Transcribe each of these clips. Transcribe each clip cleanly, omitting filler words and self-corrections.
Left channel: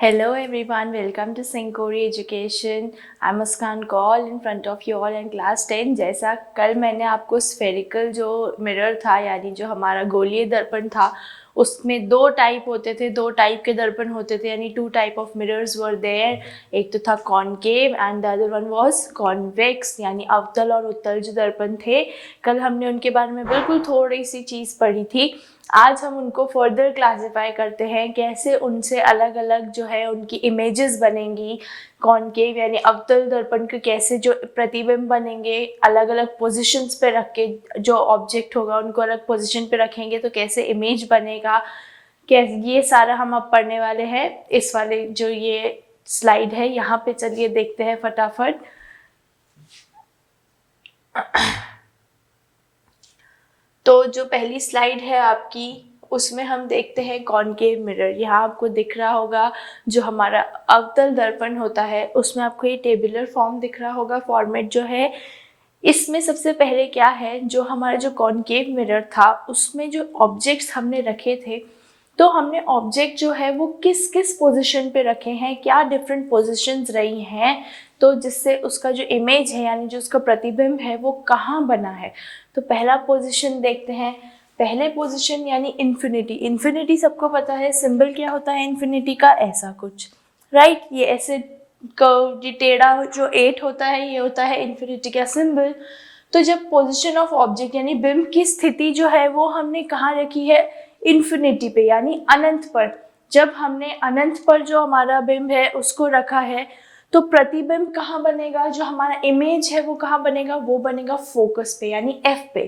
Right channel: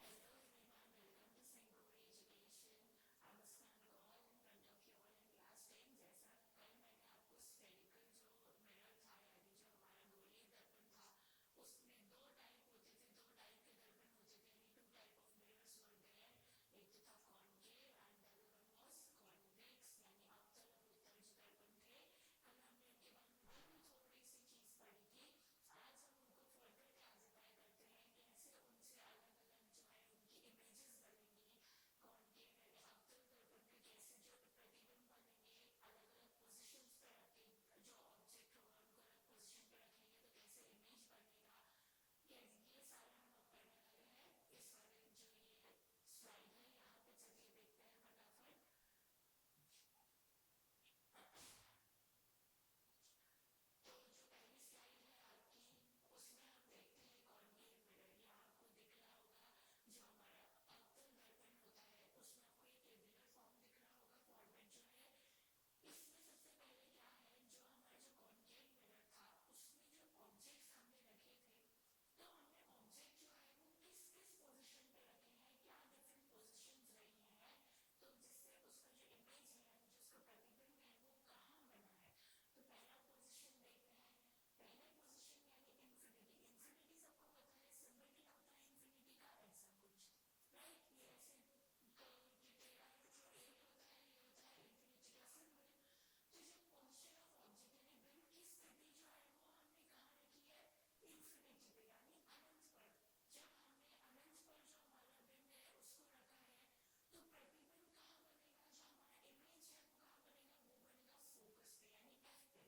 Hello everyone, welcome to Syncori Education. I'm Muskan Kaul in front of you all in class 10. जैसा कल मैंने आपको spherical जो mirror था यानी जो हमारा गोलीय दर्पण था उसमें दो टाइप होते थे, दो टाइप के दर्पण होते थे यानी two type of mirrors were there. एक तो था concave and the other one was convex यानी अवतल और उत्तल जो दर्पण थे. कल हमने उनके बारे में बिल्कुल थोड़ी सी चीज़ पढ़ी थी. आज हम उनको फर्दर क्लासिफाई करते हैं, कैसे उनसे अलग अलग जो है उनकी इमेजेस बनेंगी. कॉनकेव यानी अवतल दर्पण के कैसे जो प्रतिबिंब बनेंगे, अलग अलग पोजीशंस पे रख के जो ऑब्जेक्ट होगा उनको अलग पोजीशन पे रखेंगे तो कैसे इमेज बनेगा, कैसे ये सारा हम अब पढ़ने वाले हैं. इस वाले जो ये स्लाइड है यहाँ पे चलिए देखते हैं फटाफट. तो जो पहली स्लाइड है आपकी उसमें हम देखते हैं कॉनकेव मिरर. यहाँ आपको दिख रहा होगा जो हमारा अवतल दर्पण होता है उसमें आपको ये टेबुलर फॉर्म दिख रहा होगा, फॉर्मेट जो है. इसमें सबसे पहले क्या है, जो हमारा जो कॉनकेव मिरर था उसमें जो ऑब्जेक्ट्स हमने रखे थे तो हमने ऑब्जेक्ट जो है वो किस किस पोजीशन पे रखे हैं, क्या डिफरेंट पोजीशंस रही हैं, तो जिससे उसका जो इमेज है यानी जो उसका प्रतिबिंब है वो कहाँ बना है. तो पहला पोजीशन देखते हैं. पहले पोजीशन यानी इन्फिनिटी. इन्फिनिटी सबको पता है सिंबल क्या होता है इन्फिनिटी का, ऐसा कुछ, राइट. ये ऐसे कर्व ये टेढ़ा जो 8 होता है ये होता है इन्फिनिटी का सिंबल. तो जब पोजीशन ऑफ ऑब्जेक्ट यानी बिंब की स्थिति जो है वो हमने कहाँ रखी है, इन्फिनिटी पे यानी अनंत पर. जब हमने अनंत पर जो हमारा बिंब है उसको रखा है तो प्रतिबिंब कहाँ बनेगा, जो हमारा इमेज है वो कहाँ बनेगा, वो बनेगा फोकस पे यानी एफ पे,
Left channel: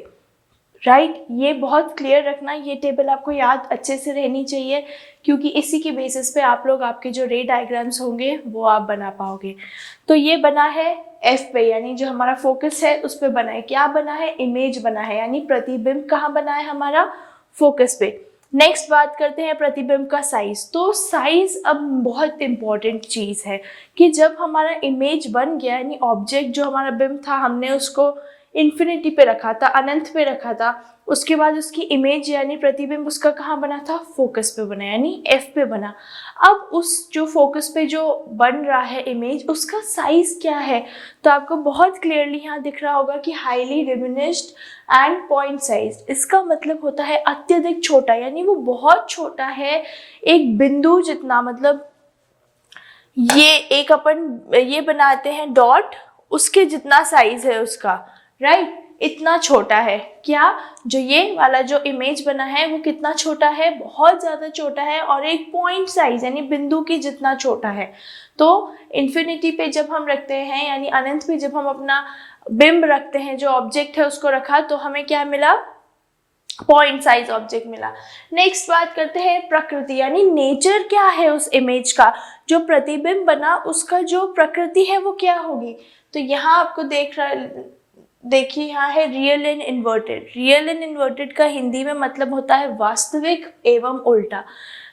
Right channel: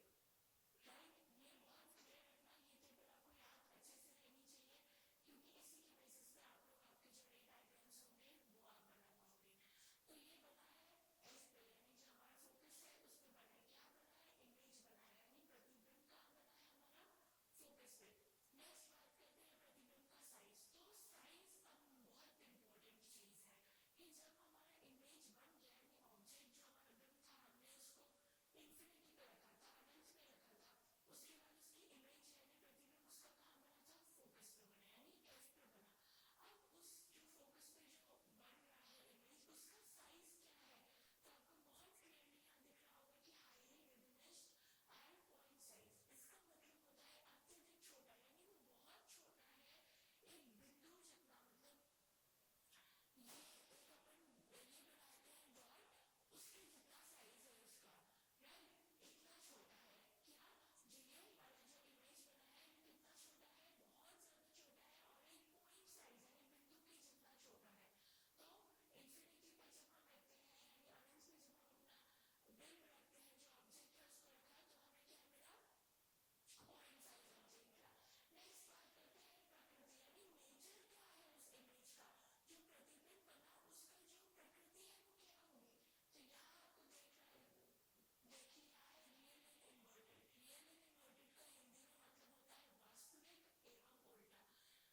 राइट. ये बहुत क्लियर रखना, ये टेबल आपको याद अच्छे से रहनी चाहिए क्योंकि इसी के बेसिस पे आप लोग आपके जो रे डायग्राम्स होंगे वो आप बना पाओगे. तो ये बना है एफ पे यानी जो हमारा फोकस है उस पे बना है. क्या बना है, इमेज बना है यानी प्रतिबिंब कहाँ बना है हमारा, फोकस पे. नेक्स्ट बात करते हैं प्रतिबिंब का साइज. तो साइज अब बहुत इंपॉर्टेंट चीज़ है कि जब हमारा इमेज बन गया यानी ऑब्जेक्ट जो हमारा बिंब था हमने उसको इन्फिनिटी पे रखा था, अनंत पे रखा था, उसके बाद उसकी इमेज यानी प्रतिबिंब उसका कहाँ बना था, फोकस पे बना यानी एफ पे बना. अब उस जो फोकस पे जो बन रहा है इमेज उसका साइज क्या है, तो आपको बहुत क्लियरली यहाँ दिख रहा होगा कि highly diminished and point size. इसका मतलब होता है अत्यधिक छोटा यानी वो बहुत छोटा है, एक बिंदु जितना. मतलब ये एक अपन ये बनाते हैं डॉट, उसके जितना साइज है उसका, राइट. इतना छोटा है. क्या, जो ये वाला जो इमेज बना है वो कितना छोटा है, बहुत ज़्यादा छोटा है और एक पॉइंट साइज यानी बिंदु के जितना छोटा है. तो इन्फिनिटी पे जब हम रखते हैं यानी अनंत पे जब हम अपना बिंब रखते हैं, जो ऑब्जेक्ट है उसको रखा, तो हमें क्या मिला, पॉइंट साइज ऑब्जेक्ट मिला. नेक्स्ट बात करते हैं प्रकृति यानी नेचर क्या है उस इमेज का, जो प्रतिबिंब बना उसका जो प्रकृति है वो क्या होगी. तो यहाँ आपको देखिए यहाँ है real and inverted. Real and inverted का हिंदी में मतलब होता है वास्तविक एवं उल्टा.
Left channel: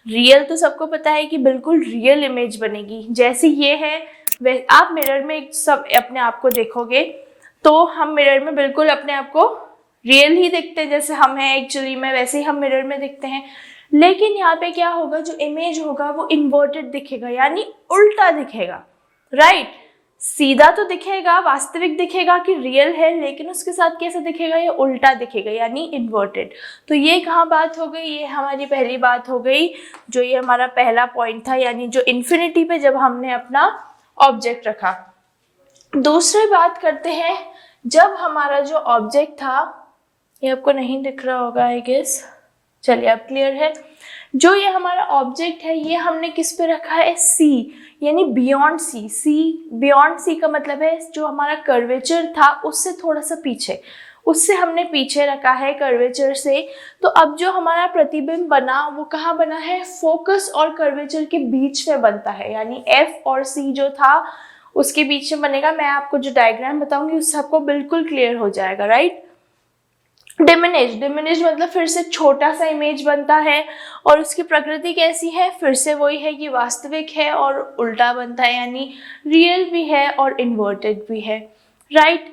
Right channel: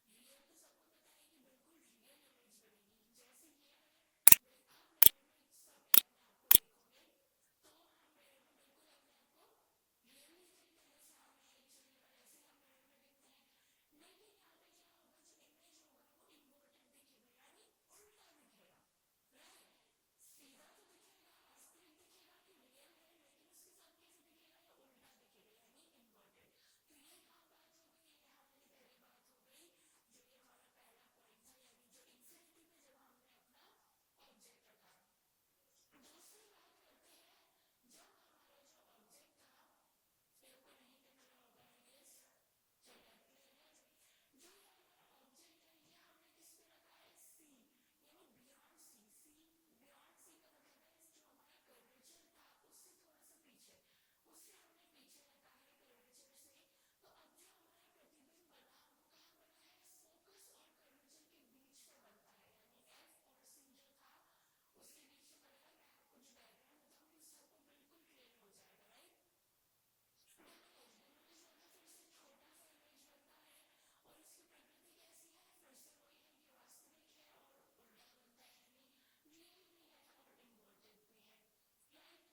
रियल तो सबको पता है कि बिल्कुल रियल इमेज बनेगी, जैसे ये है आप मिरर में सब अपने आप को देखोगे तो हम मिरर में बिल्कुल अपने आप को रियल ही दिखते हैं, जैसे हम हैं एक्चुअली में वैसे ही हम मिरर में दिखते हैं. लेकिन यहाँ पे क्या होगा, जो इमेज होगा वो इन्वर्टेड दिखेगा यानी उल्टा दिखेगा, राइट. सीधा तो दिखेगा, वास्तविक दिखेगा कि रियल है, लेकिन उसके साथ कैसे दिखेगा, ये उल्टा दिखेगा यानी इन्वर्टेड. तो ये कहाँ बात हो गई, ये हमारी पहली बात हो गई, जो ये हमारा पहला पॉइंट था यानी जो इन्फिनिटी पे जब हमने अपना ऑब्जेक्ट रखा. दूसरी बात करते हैं, जब हमारा जो ऑब्जेक्ट था, ये आपको नहीं दिख रहा होगा आई गेस, चलिए अब क्लियर है. जो ये हमारा ऑब्जेक्ट है ये हमने किस पे रखा है, सी यानी बियॉन्ड सी. सी बियॉन्ड सी का मतलब है जो हमारा कर्वेचर था उससे थोड़ा सा पीछे, उससे हमने पीछे रखा है कर्वेचर से. तो अब जो हमारा प्रतिबिंब बना वो कहाँ बना है, फोकस और कर्वेचर के बीच में बनता है यानी एफ और सी जो था उसके बीच में बनेगा. मैं आपको जो डायग्राम बताऊंगी उससे आपको बिल्कुल क्लियर हो जाएगा, राइट. डिमिनिश मतलब फिर से छोटा सा इमेज बनता है और उसकी प्रकृति कैसी है, फिर से वही है कि वास्तविक है और उल्टा बनता है यानी रियल भी है और इन्वर्टेड भी है, राइट.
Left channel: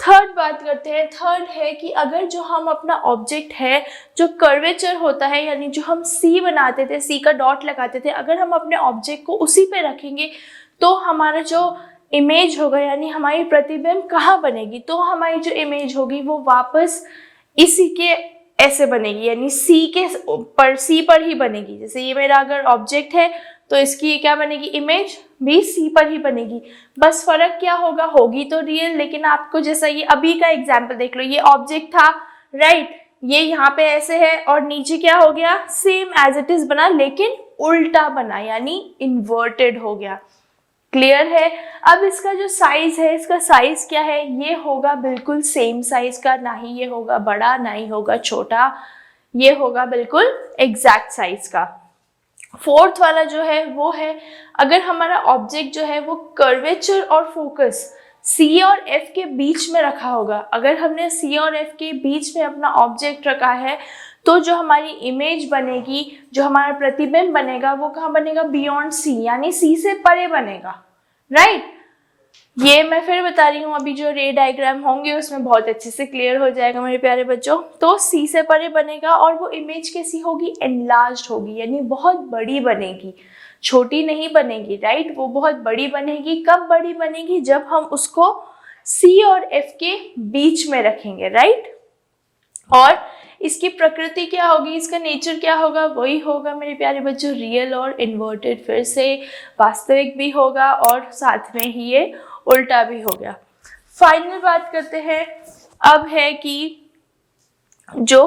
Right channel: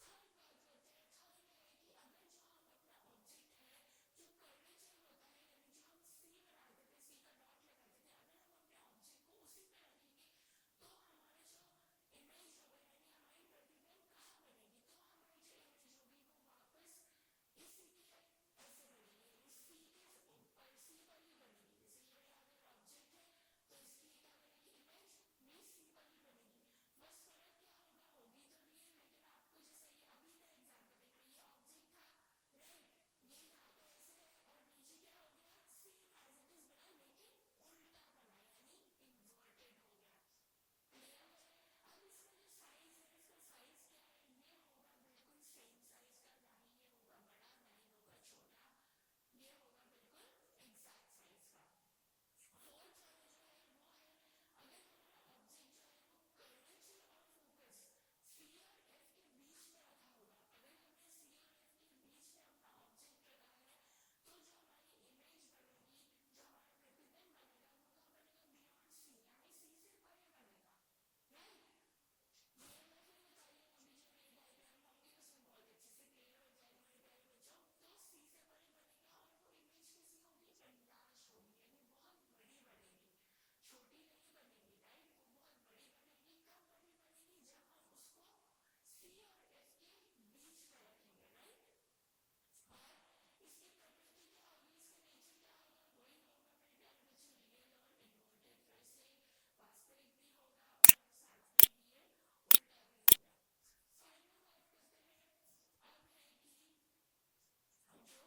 थर्ड बात करते हैं। थर्ड है कि अगर जो हम अपना ऑब्जेक्ट है जो कर्वेचर होता है, यानी जो हम सी बनाते थे, सी का डॉट लगाते थे, अगर हम अपने ऑब्जेक्ट को उसी पे रखेंगे तो हमारा जो इमेज होगा यानी हमारी प्रतिबिंब कहाँ बनेगी, तो हमारी जो इमेज होगी वो वापस इसी के ऐसे बनेगी, यानी सी पर ही बनेगी। जैसे ये मेरा अगर ऑब्जेक्ट है तो इसकी क्या बनेगी, इमेज भी सी पर ही बनेगी। बस फर्क क्या होगा, होगी तो रियल, लेकिन आपको जैसा ये अभी का एग्जांपल देख लो, ये ऑब्जेक्ट था राइट, ये यहाँ पे ऐसे है और नीचे क्या हो गया, सेम एज इट इज बना लेकिन उल्टा बना, यानी इन्वर्टेड हो गया। क्लियर है। अब इसका जो साइज है, इसका साइज क्या है, ये होगा बिल्कुल सेम साइज का, ना ही ये होगा बड़ा ना ही होगा छोटा, ये होगा बिल्कुल एग्जैक्ट साइज का। फोर्थ वाला जो है वो है, अगर हमारा ऑब्जेक्ट जो है वो कर्वेचर और फोकस सी और एफ के बीच में रखा होगा, अगर हमने सी और एफ के बीच में अपना ऑब्जेक्ट रखा है तो जो हमारी इमेज बनेगी, जो हमारा प्रतिबिंब बनेगा वो कहाँ बनेगा, बियॉन्ड सी, यानी सी से परे बनेगा राइट। ये मैं फिर बता रही हूँ, अभी जो रे डायग्राम होंगे उसमें बहुत अच्छे से क्लियर हो जाएगा मेरे प्यारे बच्चों। तो सी से परे बनेगा और वो इमेज कैसी होगी, एनलार्ज्ड होगी, यानी बहुत बड़ी बनेगी, छोटी नहीं बनेगी राइट, वो बहुत बड़ी बनेगी। कब बड़ी बनेगी, जब हम उसको सी और एफ के बीच में रखेंगे राइट। और इसकी प्रकृति क्या होगी, इसका नेचर क्या होगा, वही होगा मेरे प्यारे बच्चों रियल और इन्वर्टेड, फिर से वास्तविक भी होगा और साथ में ही ये उल्टा भी हो गया। फाइनल बात करते हैं अब है कि जो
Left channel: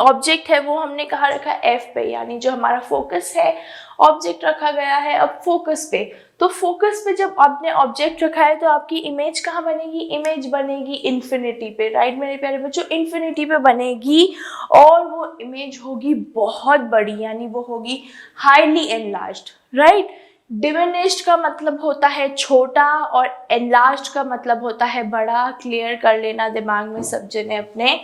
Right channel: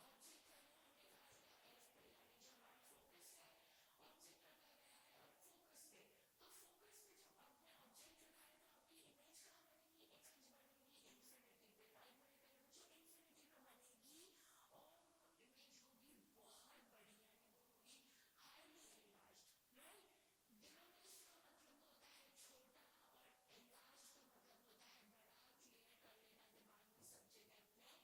ऑब्जेक्ट है वो हमने कहाँ रखा है, एफ पे, यानी जो हमारा फोकस है ऑब्जेक्ट रखा गया है अब फोकस पे। तो फोकस पे जब आपने ऑब्जेक्ट रखा है तो आपकी इमेज कहाँ बनेगी, इमेज बनेगी इन्फिनिटी पे राइट मेरे प्यारे बच्चों, इन्फिनिटी पे बनेगी और वो इमेज होगी बहुत बड़ी, यानी वो होगी हाईली एनलार्ज्ड राइट। डिमिनिश्ड का मतलब होता है छोटा और एनलार्ज्ड का मतलब होता है बड़ा, क्लियर कर लेना दिमाग में सब जने अपने।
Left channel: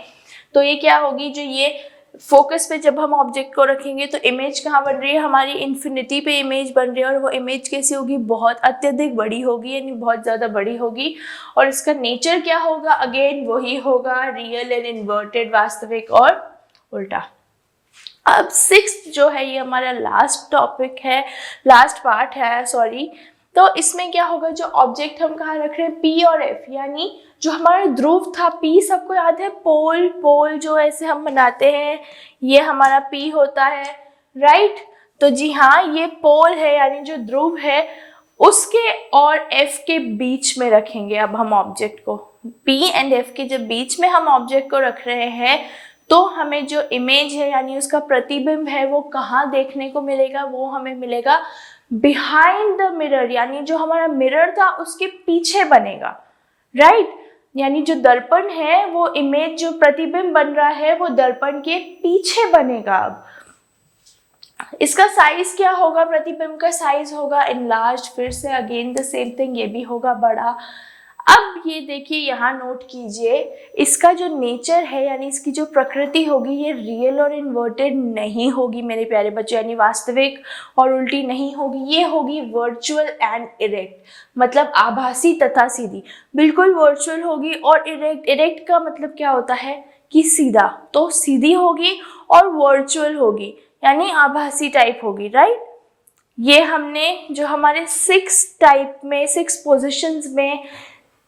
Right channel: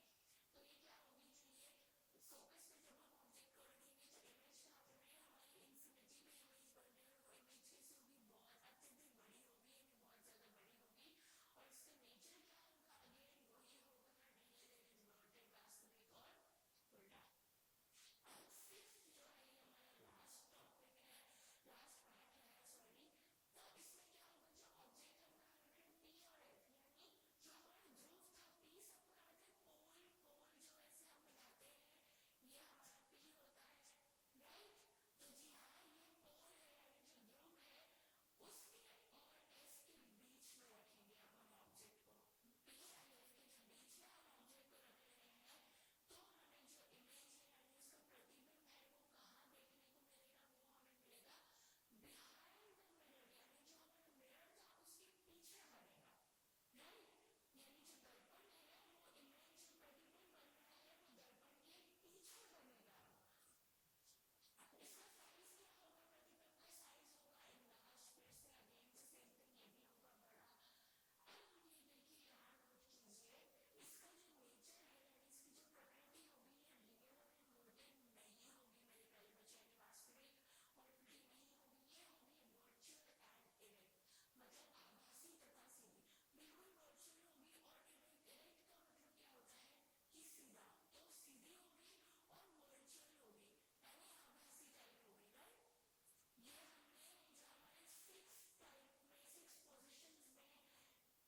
तो ये क्या होगी, जो ये फोकस पे जब हम ऑब्जेक्ट को रखेंगे तो इमेज कहाँ बन रही है, हमारी इन्फिनिटी पे इमेज बन रही है और वो इमेज कैसी होगी, बहुत अत्यधिक बड़ी होगी, यानी बहुत ज़्यादा बड़ी होगी। और इसका नेचर क्या होगा, अगेन वही होगा रियल एंड इन्वर्टेड, वास्तविक और उल्टा। अब सिक्स्थ जो है ये हमारा लास्ट टॉपिक है, लास्ट पार्ट है सॉरी। तो इसमें क्या होगा, जो ऑब्जेक्ट हम कहाँ रख रहे हैं, पी और एफ, यानी जो हमारा ध्रुव था पी, सबको याद है, पोल, पोल जो ऐसे हम बनाते हैं, ये हमारा पी होता है राइट। तो जी हाँ, ये पोल है यानी जो ध्रुव है उसके और एफ के बीच में रखेंगे अब हम ऑब्जेक्ट को, पी एंड एफ के जब बीच में हम ऑब्जेक्ट को रख रहे हैं तो हमें जो इमेज है यानी उसका प्रतिबिंब है वो कहाँ देखने को मिलेगा, वो हमें मिलेगा बिहाइंड द मिरर, यानी जो हमारा मिरर था उसके पीछे बनेगा राइट। यानी जो दर्पण है वो इमेज, जो प्रतिबिंब बन रहा है वो दर्पण के पीछे बनेगा। अब इसका साइज क्या होगा, प्रतिबिंब का साइज होगा एनलार्ज, फिर से अगेन द सेम थिंग, ये भी होगा बड़ा। अब ये देखिए यहाँ नोट कीजिए, इसका जो नेचर है यानी इसकी जो प्रकृति होगी ये रियल और इन्वर्टेड नहीं होगी मेरे प्यारे बच्चों, यानी वास्तविक और उल्टी नहीं होगी, ये होगी वर्चुअल एंड इरेक्ट, मतलब आभासी तथा सीधी, बिल्कुल वर्चुअल होगी। और इरेक्ट, इरेक्ट का मतलब क्या होता है कि सीधा, तो सीधी होगी और वर्चुअल होगी यानी आभासी टाइप होगी राइट। ये हमने जो हमारे 6 टाइप में 6 पोजिशंस में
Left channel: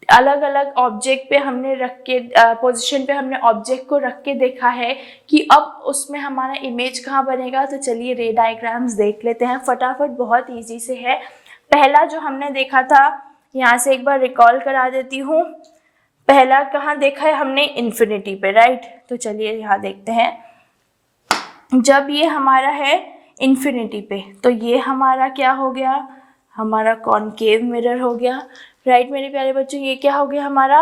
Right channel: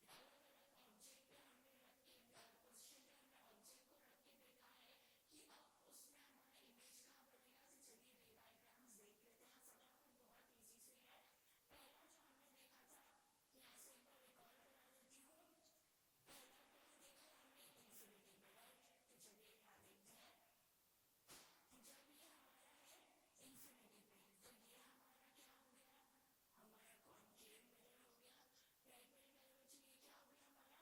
अलग अलग ऑब्जेक्ट पे हमने रख के पोजीशन पे हमने ऑब्जेक्ट को रख के देखा है कि अब उसमें हमारा इमेज कहाँ बनेगा। तो चलिए रे डायग्राम्स देख लेते हैं फटाफट, बहुत इजी से है। पहला जो हमने देखा था, यहाँ से एक बार रिकॉल करा देती हूँ, पहला कहाँ देखा है हमने, इन्फिनिटी पे राइट। तो चलिए यहाँ देखते हैं, जब ये हमारा है इन्फिनिटी पे तो ये हमारा क्या हो गया, हमारा कॉनकेव मिरर हो गया राइट मेरे प्यारे बच्चों। ये क्या हो गया, हमारा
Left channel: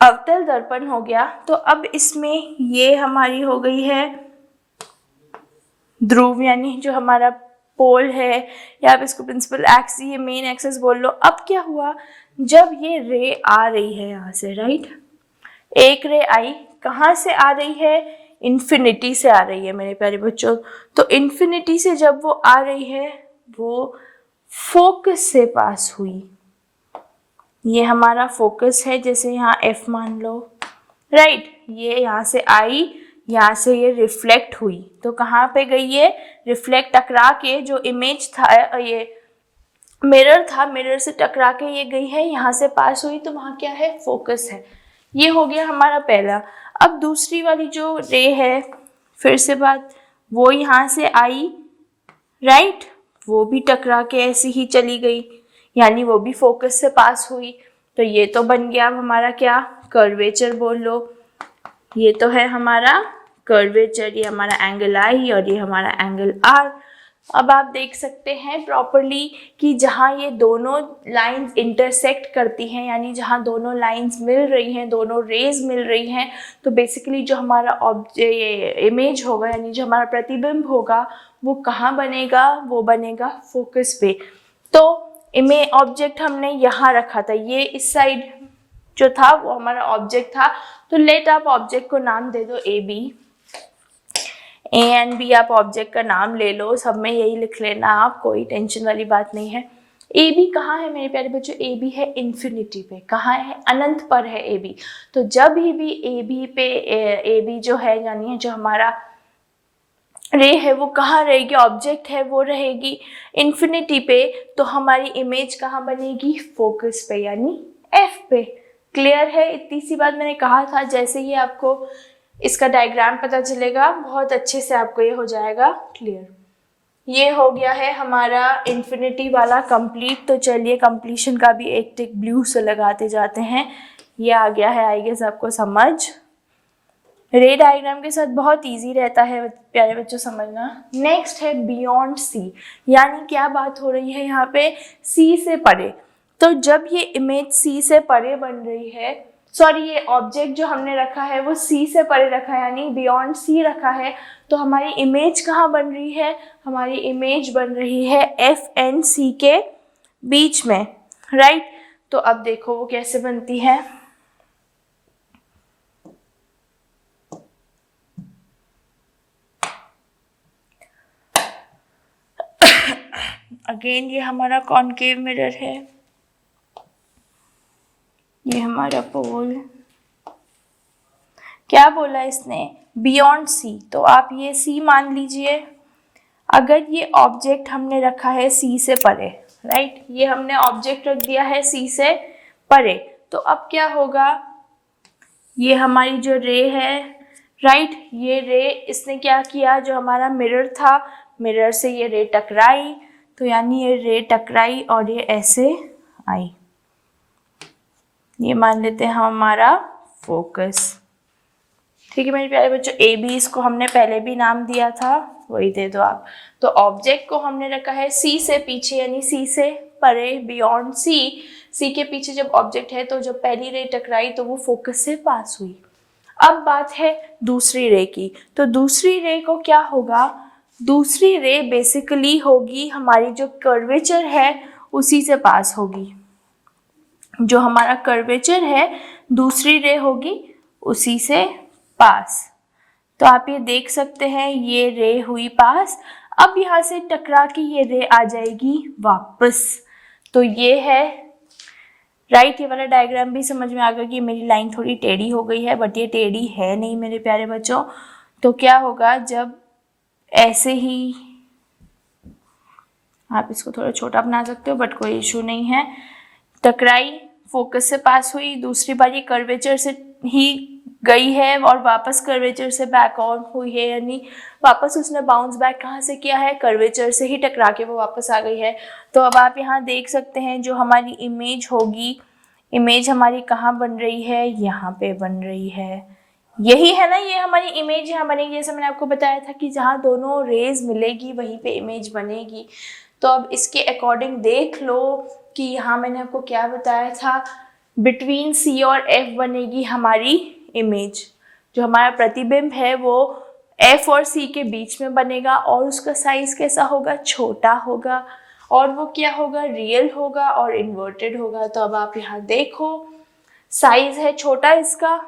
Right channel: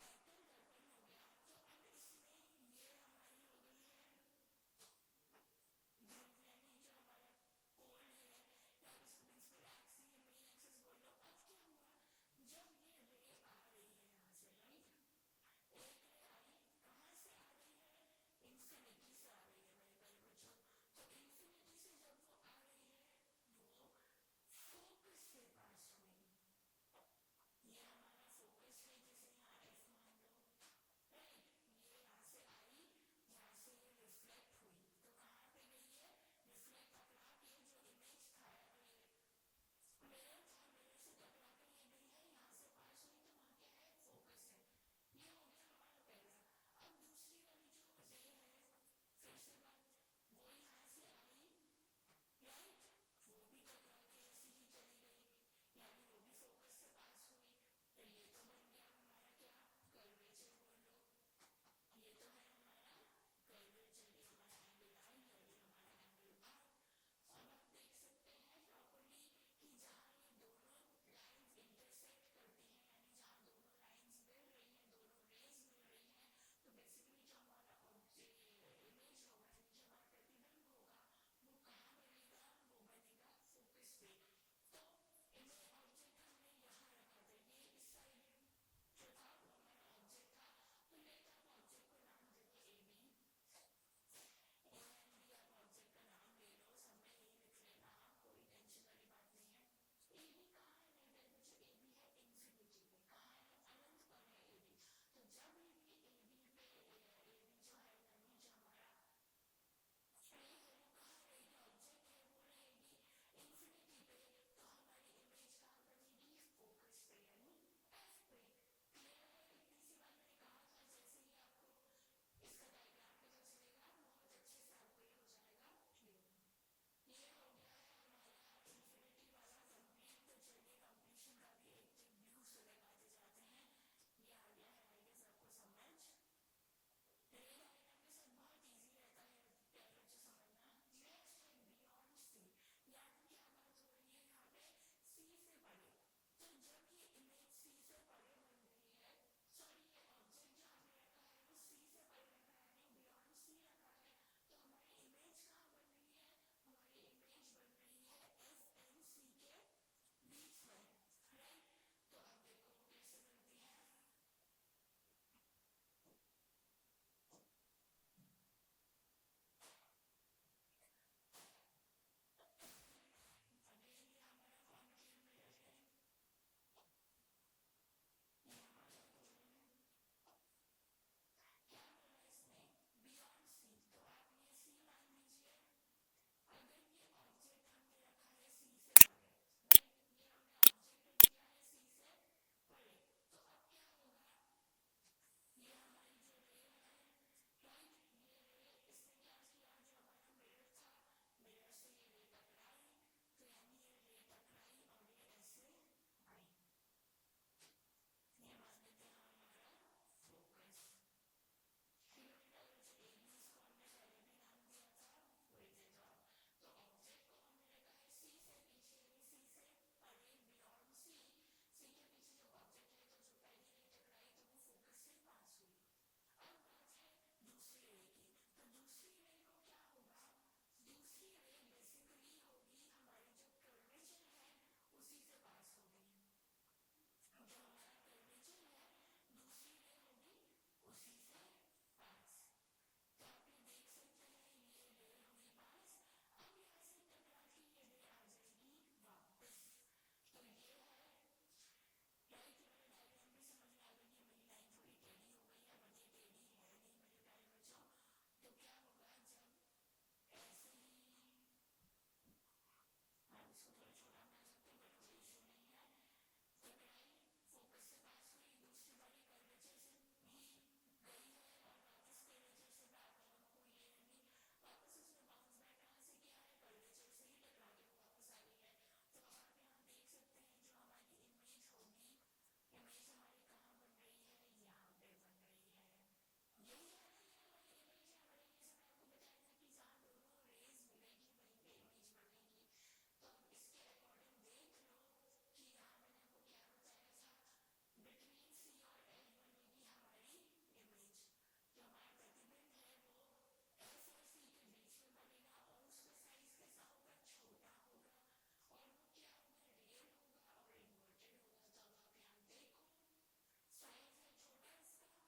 अवतल दर्पण हो गया। तो अब इसमें ये हमारी हो गई है ध्रुव, यानी जो हमारा पोल है, या आप इसको प्रिंसिपल एक्सिस, ये मेन एक्सिस बोल लो। अब क्या हुआ, जब ये रे आ रही है यहाँ से राइट, एक रे आई, कहाँ से आ रही है, इन्फिनिटी से आ रही है मेरे प्यारे बच्चों। तो इन्फिनिटी से जब वो आ रही है वो फोकस से पास हुई, ये हमारा फोकस है, जैसे यहाँ F मान लो, राइट। ये यहाँ से आई, यहाँ से ये रिफ्लेक्ट हुई, तो कहाँ पे गई ये रिफ्लेक्ट, टकरा के जो इमेज था, ये मिरर था, मिरर से टकरा के ये गई है, यहाँ से पास हुई, तो वहाँ क्या है, फोकस है। ये हो गया हमारा पहला। अब दूसरी वाली जो रे है, फिर से बात, वो यहाँ से आई, राइट, वो भी टकरा के ऐसे ही चली गई, यानी वो भी फोकस से पास हुई। तो ये तो बन गया अब हमारा क्या, कर्वेचर बोल लो। ये तो है हमारा कर्वेचर, ये हमारा एंगल आई और ये हमारा एंगल आर। अब आप देख सकते हैं प्रॉपरली कि जहाँ ये दोनों लाइंस इंटरसेक्ट करती हैं, यानी जहाँ दोनों लाइंस मिल रही हैं, दोनों रेज मिल रही हैं, तो बेसिकली जो हमारा ये इमेज होगा, यानी जो हमारा प्रतिबिंब होगा, वो कहाँ बनेगा, वो बनेगा फोकस पे। तो इमेज ऑब्जेक्ट हमने यहाँ रखा था, ये इस साइड जो था वो हमारा ऑब्जेक्ट था। तो लेट आप ऑब्जेक्ट को नाम दे दो A B, A and B आप ऑब्जेक्ट का नाम ले लो, सब में यही लिख लेना आप, कोई टेंशन वाली बात नहीं है। ए बी कहाँ है मेरे प्यारे बच्चों, ए बी है इन्फिनिटी पे, कहाँ है, अनंत पर है ए बी। तो जब भी ए बी पे ए बी जो है, यानी जो हमारा रे है वो कहाँ रहेगी, ऑब्जेक्ट है वो रहेगी इन्फिनिटी पे, तो हमारी इमेज कहाँ बनेगी, फोकस पे, यानी एफ पे। क्लियर है, इतनी सी बात मैंने कहा था। जैसे ही आपको इसका डायग्राम पता चलेगा, बहुत अच्छे से आपको ये हो जाएगा क्लियर। ये हो गया है हमारा इन्फिनिटी वाला कंप्लीट। तो चलिए कंप्लीशन का भी एक टिक ब्लू से लगाते जाते हैं। ये आ गया है आई गेस आपको समझ। रे डायग्राम के साथ बहुत इजी रहता है प्यारे बच्चों समझना। नेक्स्ट है बियॉन्ड सी, यानी क्या बात हो रही है यहाँ पे, सी से परे। तो जब ये इमेज सी से परे बन रही है, सॉरी ये ऑब्जेक्ट जो हमने रखा है वो सी से परे रखा है, यानी बियॉन्ड सी रखा है, तो हमारी इमेज कहाँ बन रही है, हमारी इमेज बन रही है एफ एंड सी के बीच में, राइट। तो अब देखो वो कैसे बनती है। अगेन ये हमारा कॉनकेव मिरर है, ये हमारा पोल। क्या बोला इसने, बियॉन्ड सी, तो आप ये सी मान लीजिए। अगर ये ऑब्जेक्ट हमने रखा है सी से परे, राइट, ये हमने ऑब्जेक्ट रख दिया है सी से परे, तो अब क्या होगा, ये हमारी जो रे है, राइट, ये रे इसने क्या किया, जो हमारा मिरर था, मिरर से ये रे टकराई, तो यानी ये रे टकराई और ये ऐसे आई, ये मान लेते हैं हमारा फोकस। ठीक है मेरे प्यारे बच्चों, ए बी इसको हमने पहले भी नाम दिया था, वही दे दो आप। तो ऑब्जेक्ट को हमने रखा है सी से पीछे, यानी सी से परे, बियॉन्ड सी। सी के पीछे जब ऑब्जेक्ट है, तो जब पहली रे टकराई तो वो फोकस से पास हुई। अब बात है दूसरी रे की, तो दूसरी रे को क्या होगा, दूसरी रे बेसिकली होगी हमारी जो कर्वेचर है उसी से पास होगी, जो हमारा कर्वेचर है दूसरी रे होगी उसी से पास। तो आप ये देख सकते हैं ये रे हुई पास, अब यहाँ से टकरा के ये रे आ जाएगी वापस। तो ये है राइट, ये वाला डायग्राम भी समझ में आ गया कि मेरी लाइन थोड़ी टेढ़ी हो गई है, बट ये टेढ़ी है नहीं मेरे प्यारे बच्चों। तो क्या होगा, जब ऐसे ही, आप इसको थोड़ा छोटा बना सकते हो बट कोई इशू नहीं है, टकराई, फोकस से पास हुई, दूसरी बार ये कर्वेचर से ही गई है और वापस कर्वेचर से बैक ऑन हुई है, यानी वापस उसने बाउंस बैक कहाँ से किया है, कर्वेचर से ही टकरा के वो वापस आ गई है। तो अब आप यहाँ देख सकते हैं जो हमारी इमेज होगी, इमेज हमारी कहाँ बन रही है, यहाँ पे बन रही है, यही है ना, ये हमारी इमेज यहाँ बनेगी। जैसे मैंने आपको बताया था कि जहाँ दोनों रेज मिलेगी वहीं पे इमेज बनेगी। तो अब इसके अकॉर्डिंग देख लो कि यहाँ मैंने आपको क्या बताया था, बिटवीन सी और एफ बनेगी हमारी इमेज, जो हमारा प्रतिबिंब है वो एफ और सी के बीच में बनेगा, और उसका साइज कैसा होगा, छोटा होगा, और वो क्या होगा, रियल होगा और इन्वर्टेड होगा। तो अब आप यहाँ देखो, साइज है छोटा इसका,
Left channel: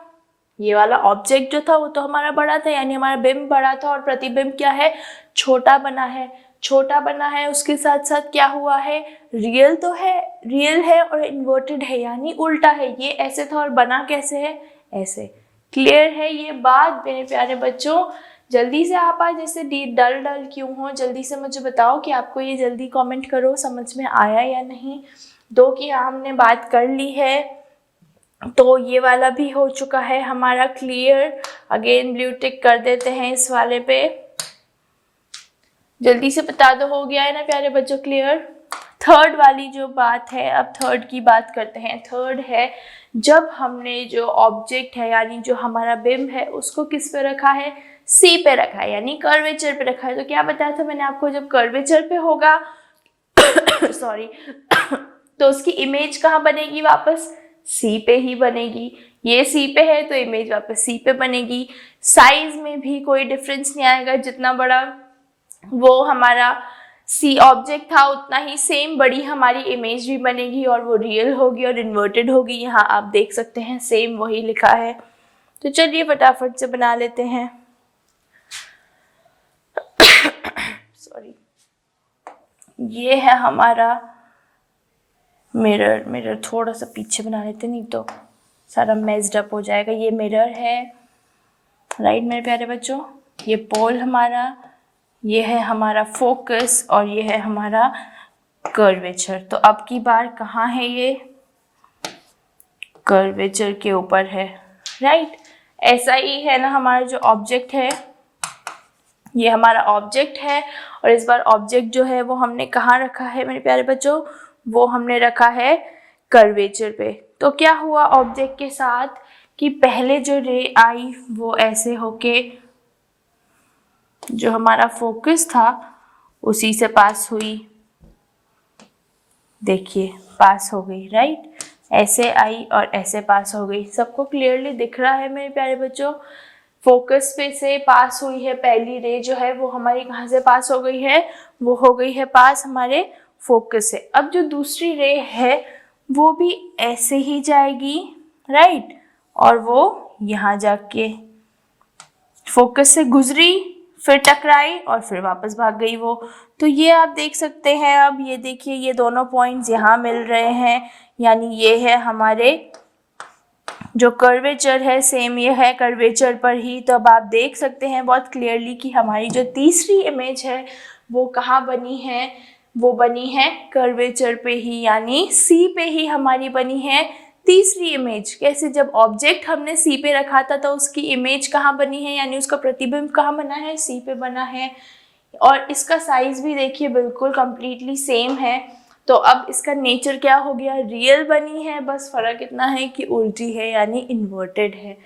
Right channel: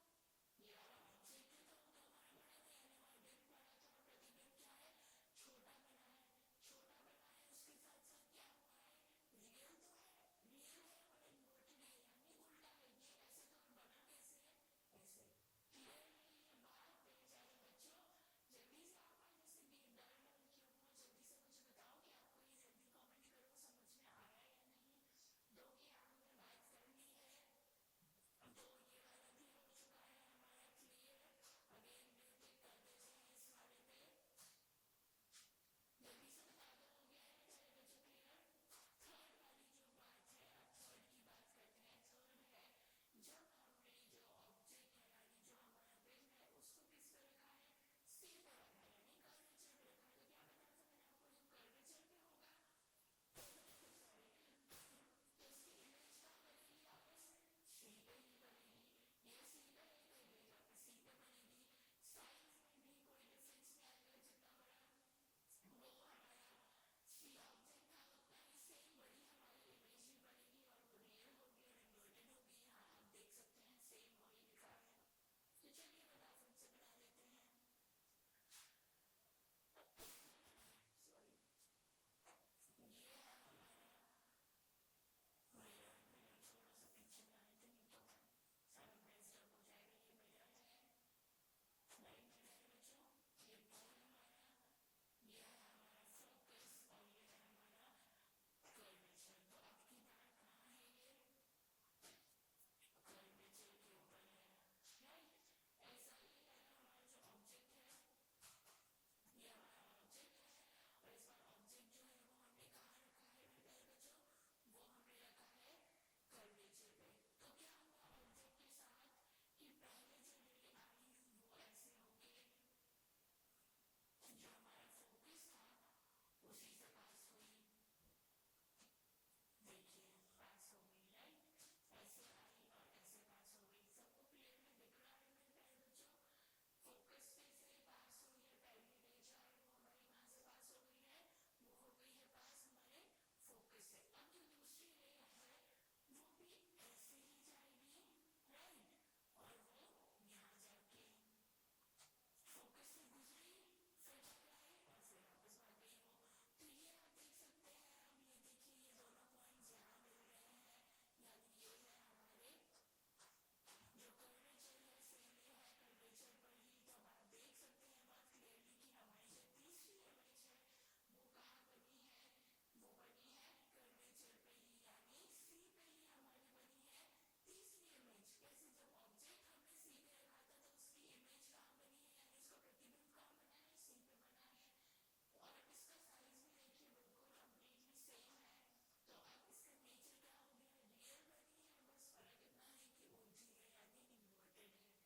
ये वाला ऑब्जेक्ट जो था वो तो हमारा बड़ा था, यानी हमारा बिंब बड़ा था, और प्रतिबिंब क्या है, छोटा बना है। छोटा बना है, उसके साथ साथ क्या हुआ है, रियल तो है, रियल है और इन्वर्टेड है, यानी उल्टा है। ये ऐसे था और बना कैसे है, ऐसे। क्लियर है ये बात मेरे प्यारे बच्चों? जल्दी से आप आज जैसे डल डल क्यों हो, जल्दी से मुझे बताओ कि आपको ये जल्दी कमेंट करो समझ में आया या नहीं। दो की हमने बात कर ली है, तो ये वाला भी हो चुका है हमारा क्लियर। अगेन ब्लू टिक कर देते हैं इस वाले पे। जल्दी से बता दो, हो गया है ना प्यारे बच्चों क्लियर? थर्ड वाली जो बात है, अब थर्ड की बात करते हैं। थर्ड है जब हमने जो ऑब्जेक्ट है यानी जो हमारा बिंब है उसको किस पे रखा है, सी पे रखा है, यानी कर्वेचर पे रखा है। तो क्या बताया था मैंने आपको, जब कर्वेचर पे होगा सॉरी तो उसकी इमेज कहाँ बनेगी, वापस सी पे ही बनेगी। ये सी पे है तो इमेज वापस सी पे बनेगी। साइज में भी कोई डिफरेंस नहीं आएगा, जितना बड़ा वो हमारा सी ऑब्जेक्ट था उतना ही सेम बड़ी हमारी इमेज भी बनेगी और वो रियल होगी और इन्वर्टेड होगी। यहाँ आप देख सकते हैं सेम वही लिखा है। तो चलिए फटाफट से बना लेते हैं। सॉरी, ये है हमारा मिरर। मिरर थोड़ा सा पीछे बना लेते, नहीं तो सारा मेस्ड अप हो जाएगा। ये मिरर है, राइट मेरे प्यारे बच्चों। ये पोल हमारा, ये है हमारा फोकस और ये है हमारा कर्वेचर। तो अब की बार कहाँ है, ये कर्वेचर के ऊपर है, राइट। ऐसा ही है ना हमारा जो ऑब्जेक्ट है, ये हमारा ऑब्जेक्ट है और इस बार ऑब्जेक्ट जो है वो हमने कहाँ रखा है मेरे प्यारे बच्चों, वो हमने रखा है कर्वेचर पे। तो क्या हुआ ऑब्जेक्ट के साथ कि पहले जो रे आई वो ऐसे होके जो हमारा फोकस था उसी से पास हुई, देखिए पास हो गई, राइट। ऐसे आई और ऐसे पास हो गई। सबको क्लियरली दिख रहा है मेरे प्यारे बच्चों? फोकस पे से पास हुई है पहली रे जो है वो हमारी कहाँ से पास हो गई है, वो हो गई है पास हमारे फोकस से। अब जो दूसरी रे है वो भी ऐसे ही जाएगी, राइट, और वो यहाँ जाके फोकस से गुजरी, फिर टकराई और फिर वापस भाग गई वो। तो ये आप देख सकते हैं। अब ये देखिए, ये दोनों पॉइंट्स यहाँ मिल रहे हैं, यानी ये है हमारे जो कर्वेचर है, सेम ये है कर्वेचर पर ही। तो अब आप देख सकते हैं बहुत क्लियरली कि हमारी जो तीसरी इमेज है वो कहाँ बनी है, वो बनी है कर्वेचर पे ही, यानी सी पे ही हमारी बनी है तीसरी इमेज। कैसे, जब ऑब्जेक्ट हमने सी पे रखा था तो उसकी इमेज कहाँ बनी है, यानी उसका प्रतिबिंब कहाँ बना है, सी पे बना है। और इसका साइज भी देखिए बिल्कुल कंप्लीटली सेम है। तो अब इसका नेचर क्या हो गया, रियल बनी है, बस फर्क इतना है कि उल्टी है यानी इन्वर्टेड है।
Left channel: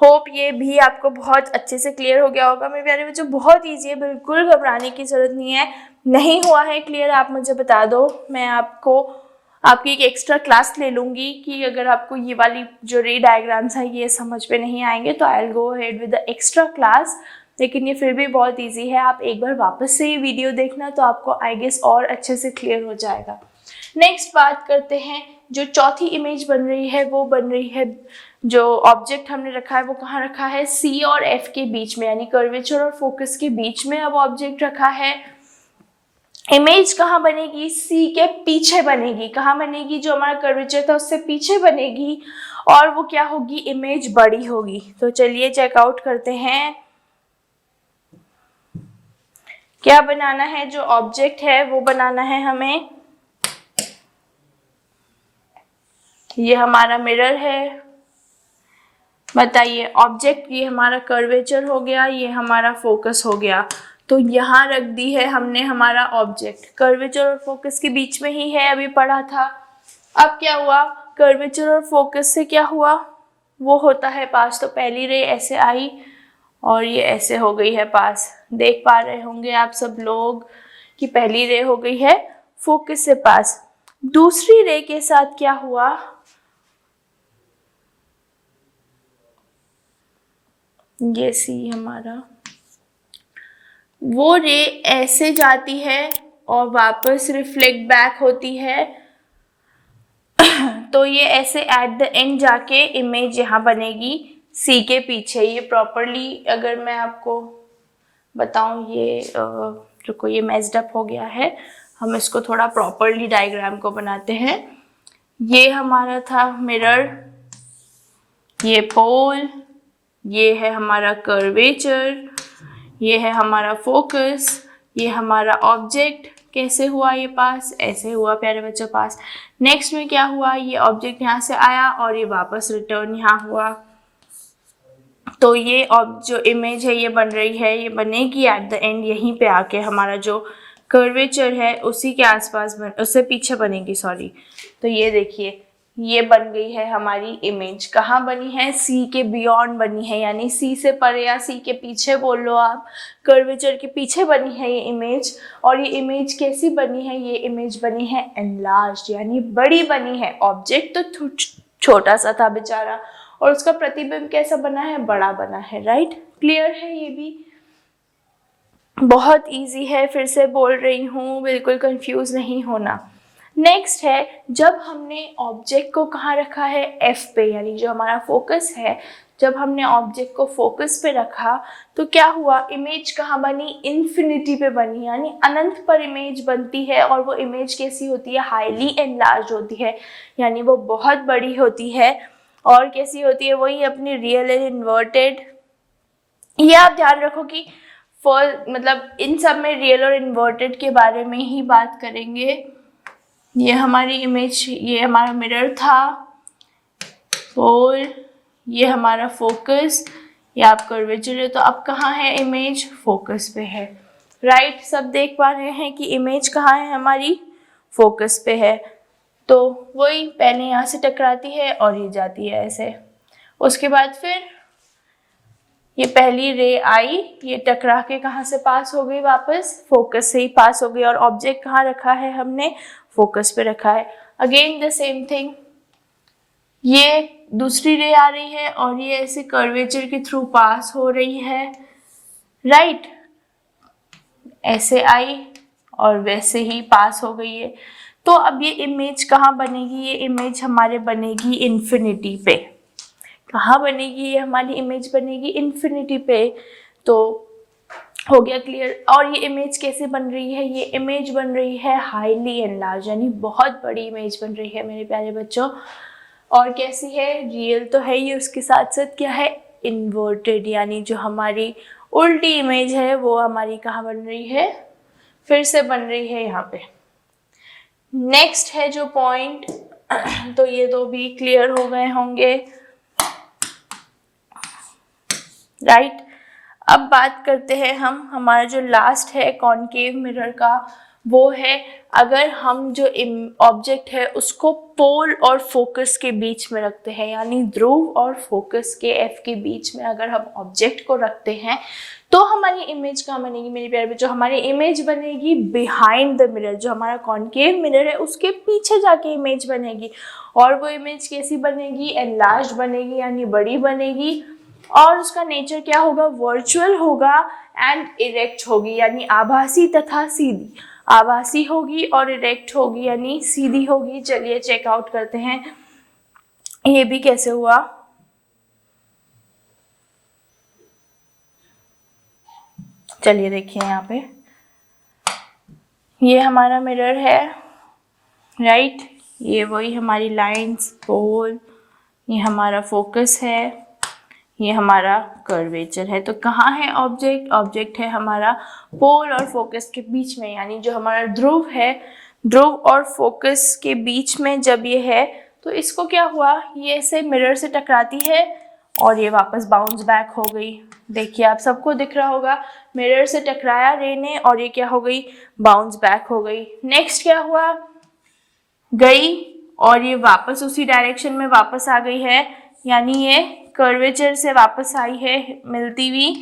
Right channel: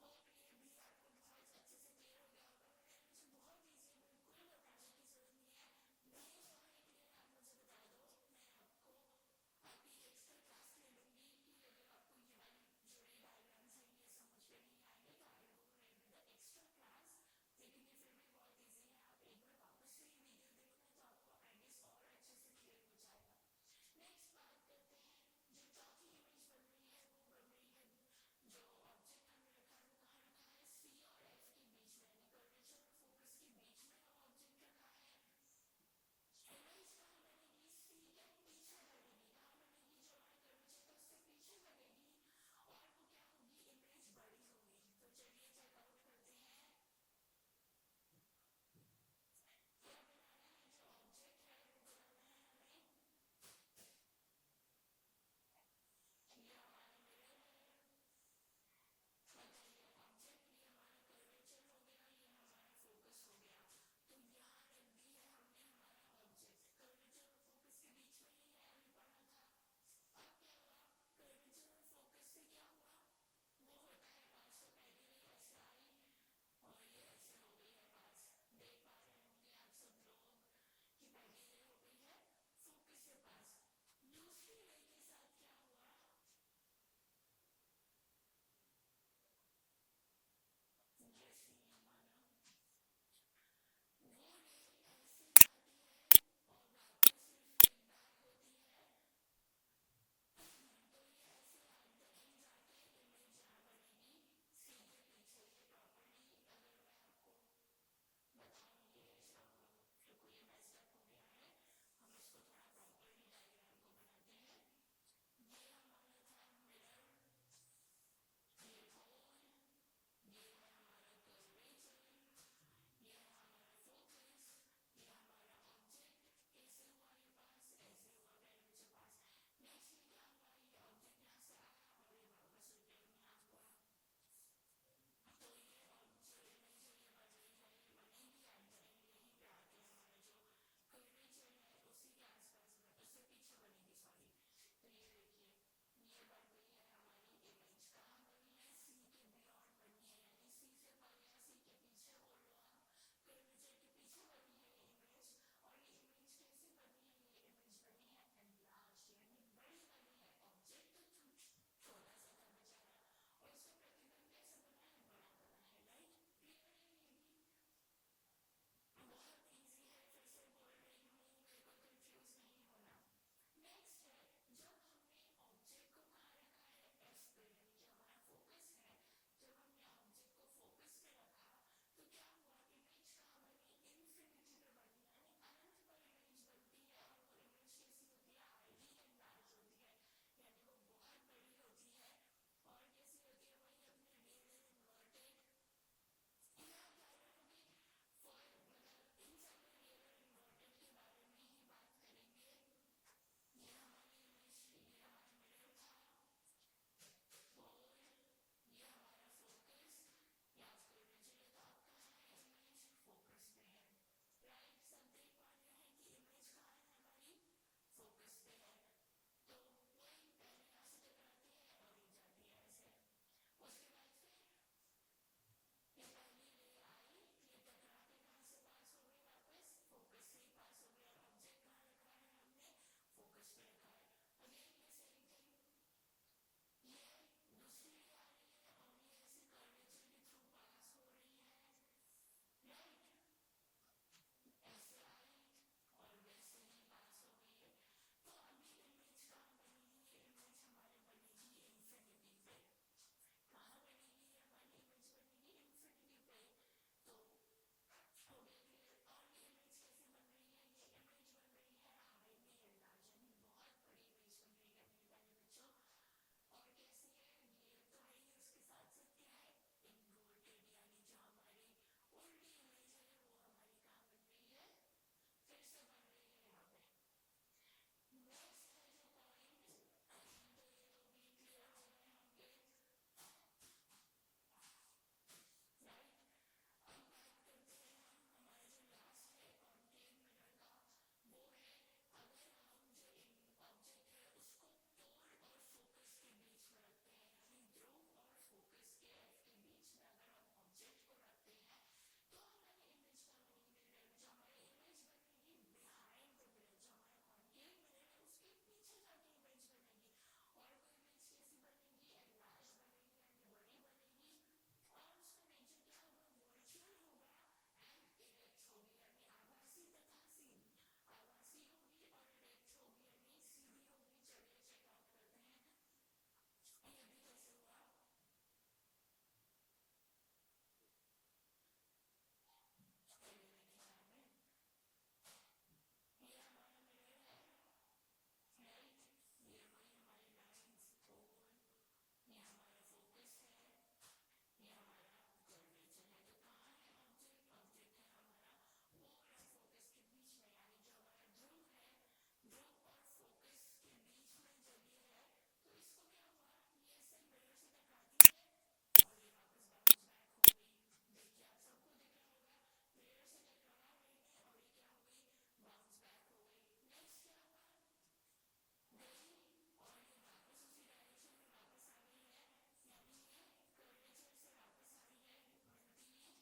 होप ये भी आपको बहुत अच्छे से क्लियर हो गया होगा मेरे प्यारे बच्चों। बहुत ईजी है, बिल्कुल घबराने की जरूरत नहीं है। नहीं हुआ है क्लियर आप मुझे बता दो, मैं आपकी एक एक्स्ट्रा क्लास ले लूँगी कि अगर आपको ये वाली जो रे डायग्राम्स है ये समझ में नहीं आएंगे तो I will go ahead with the extra class. लेकिन ये फिर भी बहुत इजी है, आप एक बार वापस से ये वीडियो देखना तो आपको आई गेस और अच्छे से क्लियर हो जाएगा। नेक्स्ट बात करते हैं, जो चौथी इमेज बन रही है वो बन रही है, जो ऑब्जेक्ट हमने रखा है वो कहाँ रखा है, सी और एफ के बीच में, यानी कर्वेचर और फोकस के बीच में अब ऑब्जेक्ट रखा है। इमेज कहाँ बनेगी, सी के पीछे बनेगी। कहाँ बनेगी, जो हमारा कर्वेचर था उससे पीछे बनेगी और वो क्या होगी, इमेज बड़ी होगी। तो चलिए चेकआउट करते हैं क्या बनाना है। जो ऑब्जेक्ट है वो बनाना है हमें, ये हमारा मिरर है। बताइए, ऑब्जेक्ट ये हमारा कर्वेचर हो गया, ये हमारा फोकस हो गया। तो यहाँ रख दी है हमने हमारा ऑब्जेक्ट, कर्वेचर और फोकस के बीच में ही है, अभी पढ़ा था। अब क्या हुआ, कर्वेचर और फोकस से क्या हुआ, वो होता है पास। तो पहली रे ऐसे आई और ये ऐसे हो गई है पास। देख पा रहे होंगे आप सब लोग कि पहली रे हो गई है फोकस से पास। दूसरी रे के साथ क्या हुआ, ये सी हमारा, वो रे ऐसे जाती है और वापस रिफ्लेक्ट बैक होती है। तो ये ऐसे एट द एंड जाके इमेज यहाँ बनेगी सी के पीछे। ये प्रॉपरली अगर मैं आपको बताऊं, ये रुको, ये मेस्ड अप हो गया है, हम इसको थोड़ा प्रॉपरली डायग्राम को बनाते हैं। ये हमारा था मिरर, ये पोल, ये है हमारा कर्वेचर, ये है हमारा फोकस, ये हमारा ऑब्जेक्ट। कैसे हुआ ये पास? ऐसे हुआ प्यारे बच्चों पास। नेक्स्ट में क्या हुआ, ये ऑब्जेक्ट यहाँ से आया और ये वापस रिटर्न यहाँ हुआ। तो ये जो इमेज है ये बन रही है, ये बनेगी एट द एंड यहीं पे आके, हमारा जो कर्वेचर है उसी के आसपास उससे पीछे बनेगी, सॉरी। तो ये देखिए, ये बन गई है हमारी इमेज। कहाँ बनी है? सी के बियॉन्ड बनी है, यानी सी से परे या सी के पीछे बोल लो आप, कर्वेचर के पीछे बनी है ये इमेज। और ये इमेज कैसी बनी है? ये इमेज बनी है एनलार्ज्ड, यानी बड़ी बनी है। ऑब्जेक्ट तो छोटा सा था बेचारा, और उसका प्रतिबिंब कैसा बना है? बड़ा बना है। राइट, क्लियर है? ये भी बहुत इजी है, फिर से बोल रही हूँ, बिल्कुल कंफ्यूज नहीं होना। नेक्स्ट है, जब हमने ऑब्जेक्ट को कहाँ रखा है? एफ पे, यानी जो हमारा फोकस है, जब हमने ऑब्जेक्ट को फोकस पे रखा तो क्या हुआ? इमेज कहाँ बनी? इन्फिनिटी पे बनी, यानी अनंत पर इमेज बनती है। और वो इमेज कैसी होती है? हाईली एनलार्ज होती है, यानी वो बहुत बड़ी होती है। और कैसी होती है? वही अपनी रियल एंड इन्वर्टेड। ये आप ध्यान रखो कि मतलब इन सब में रियल और इन्वर्टेड के बारे में ही बात करेंगे। ये हमारी इमेज, ये हमारा मिरर था, पोल, ये हमारा फोकस, ये आप कर्वेचर है। तो अब कहाँ है इमेज? फोकस पे है। राइट, सब देख पा रहे हैं कि इमेज कहाँ है हमारी? फोकस पे है। तो वही पहले यहाँ से टकराती है और ये जाती है ऐसे। उसके बाद फिर ये पहली रे आई, ये टकरा के कहाँ से पास हो गई? वापस फोकस से ही पास हो गई। और ऑब्जेक्ट कहाँ रखा है हमने? फोकस पे रखा है। अगेन द सेम थिंग, ये दूसरी रे आ रही है और ये ऐसे कर्वेचर के थ्रू पास हो रही है। राइट, ऐसे आई और वैसे ही पास हो गई है। तो अब ये इमेज कहाँ बनेगी? ये इमेज हमारे बनेगी इन्फिनिटी पे। कहाँ बनेगी? ये हमारी इमेज बनेगी इन्फिनिटी पे। तो हो गया क्लियर। और ये इमेज कैसे बन रही है? ये इमेज बन रही है हाईली एनलार्ज, यानी बहुत बड़ी इमेज बन रही है मेरे प्यारे बच्चों। और कैसी है? रियल तो है ही, उसके साथ साथ क्या है? इन्वर्टेड, यानी जो हमारी उल्टी इमेज है वो हमारी कहाँ बन रही है? फिर से बन रही है यहाँ पे। नेक्स्ट है जो पॉइंट, तो ये दो भी क्लियर हो गए होंगे। राइट, अब बात करते हैं हम, हमारा जो लास्ट है कॉनकेव मिरर का, वो है अगर हम जो ऑब्जेक्ट है उसको पोल और फोकस के बीच में रखते हैं, यानी ध्रुव और फोकस के एफ के बीच में अगर हम ऑब्जेक्ट को रखते हैं तो हमारी इमेज कहाँ बनेगी मेरे प्यारे बच्चों? हमारी इमेज बनेगी बिहाइंड द मिरर। जो हमारा कॉनकेव मिरर है उसके पीछे जाके इमेज बनेगी। और वो इमेज कैसी बनेगी? एनलार्ज बनेगी, यानी बड़ी बनेगी। और उसका नेचर क्या होगा? वर्चुअल होगा एंड इरेक्ट होगी, यानी आभासी तथा सीधी। आभासी होगी और इरेक्ट होगी, यानी सीधी होगी। चलिए चेकआउट करते हैं ये भी कैसे हुआ। चलिए देखिए यहाँ पे, ये हमारा मिरर है। राइट, ये वही हमारी लाइंस, पोल, ये हमारा फोकस है, ये हमारा कर्वेचर है। तो कहाँ है ऑब्जेक्ट? ऑब्जेक्ट है हमारा पोल और फोकस के बीच में, यानी जो हमारा ध्रुव है, ध्रुव और फोकस के बीच में जब ये है तो इसको क्या हुआ? ये ऐसे मिरर से टकराती है और ये वापस बाउंस बैक हो गई। देखिए आप सबको दिख रहा होगा, मिरर से टकराया रे ने और ये क्या हो गई? बाउंस बैक हो गई। नेक्स्ट क्या हुआ? गई और ये वापस उसी डायरेक्शन में वापस आ गई है, यानी ये कर्वेचर से वापस आई है मिलती हुई।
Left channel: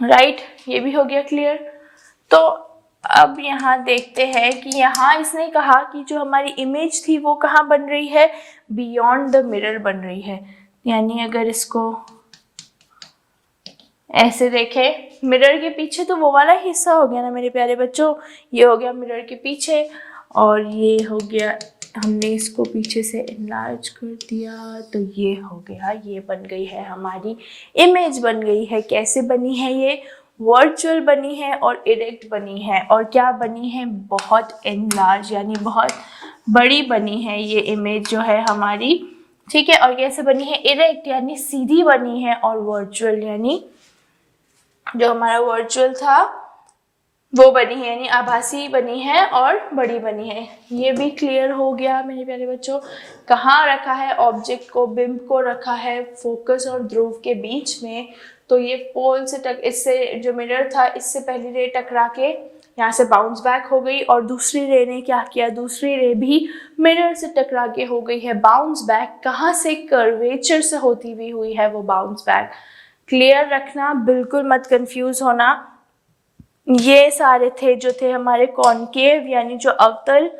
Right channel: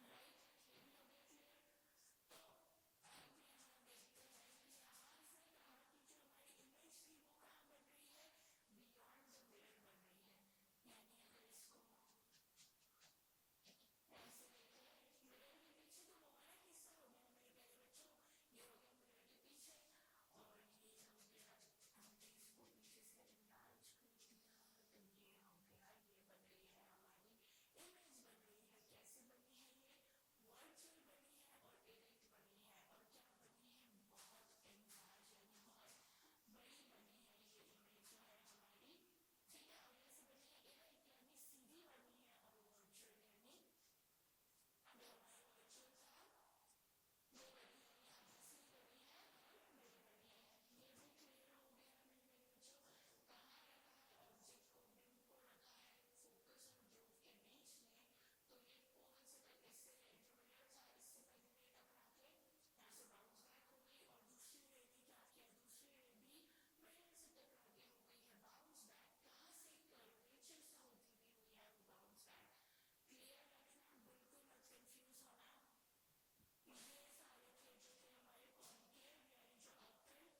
राइट, ये भी हो गया क्लियर। तो अब यहाँ देखते हैं कि यहाँ इसने कहा कि जो हमारी इमेज थी वो कहाँ बन रही है? बियॉन्ड द मिरर बन रही है। यानी अगर इसको ऐसे देखें, मिरर के पीछे तो वो वाला हिस्सा हो गया ना मेरे प्यारे बच्चों, ये हो गया मिरर के पीछे और ये हो गया, हमने इसको पीछे से इनलार्ज कर दिया तो ये हो गया, ये बन गई है हमारी इमेज बन गई है। कैसे बनी है ये? वर्चुअल बनी है और इरेक्ट बनी है। और क्या बनी है, बहुत एनलार्ज यानी बहुत बड़ी बनी है ये इमेज जो है हमारी, ठीक है। और कैसे बनी है, इरेक्ट यानी सीधी बनी है, और वर्चुअल यानी जो हमारा वर्चुअल था वो बनी है, यानी आभासी बनी है और बड़ी बनी है। ये भी क्लियर हो गया मेरे प्यारे बच्चों। कहाँ रखा है ऑब्जेक्ट को, बिंब को रखा है फोकस और ध्रुव के बीच में। तो ये पोल से इससे जो मिरर था इससे पहली रे टकरा के यहाँ से बाउंस बैक हो गई, और दूसरी रे ने क्या किया, दूसरी रे भी मिरर से टकरा के हो गई है बाउंस बैक। कहाँ से, कर्वेचर से होती हुई हुई है वो बाउंस बैक। क्लियर रखना, बिल्कुल मत कंफ्यूज होना। ये सारे थे जो थे हमारे कॉनकेव यानी जो अवतल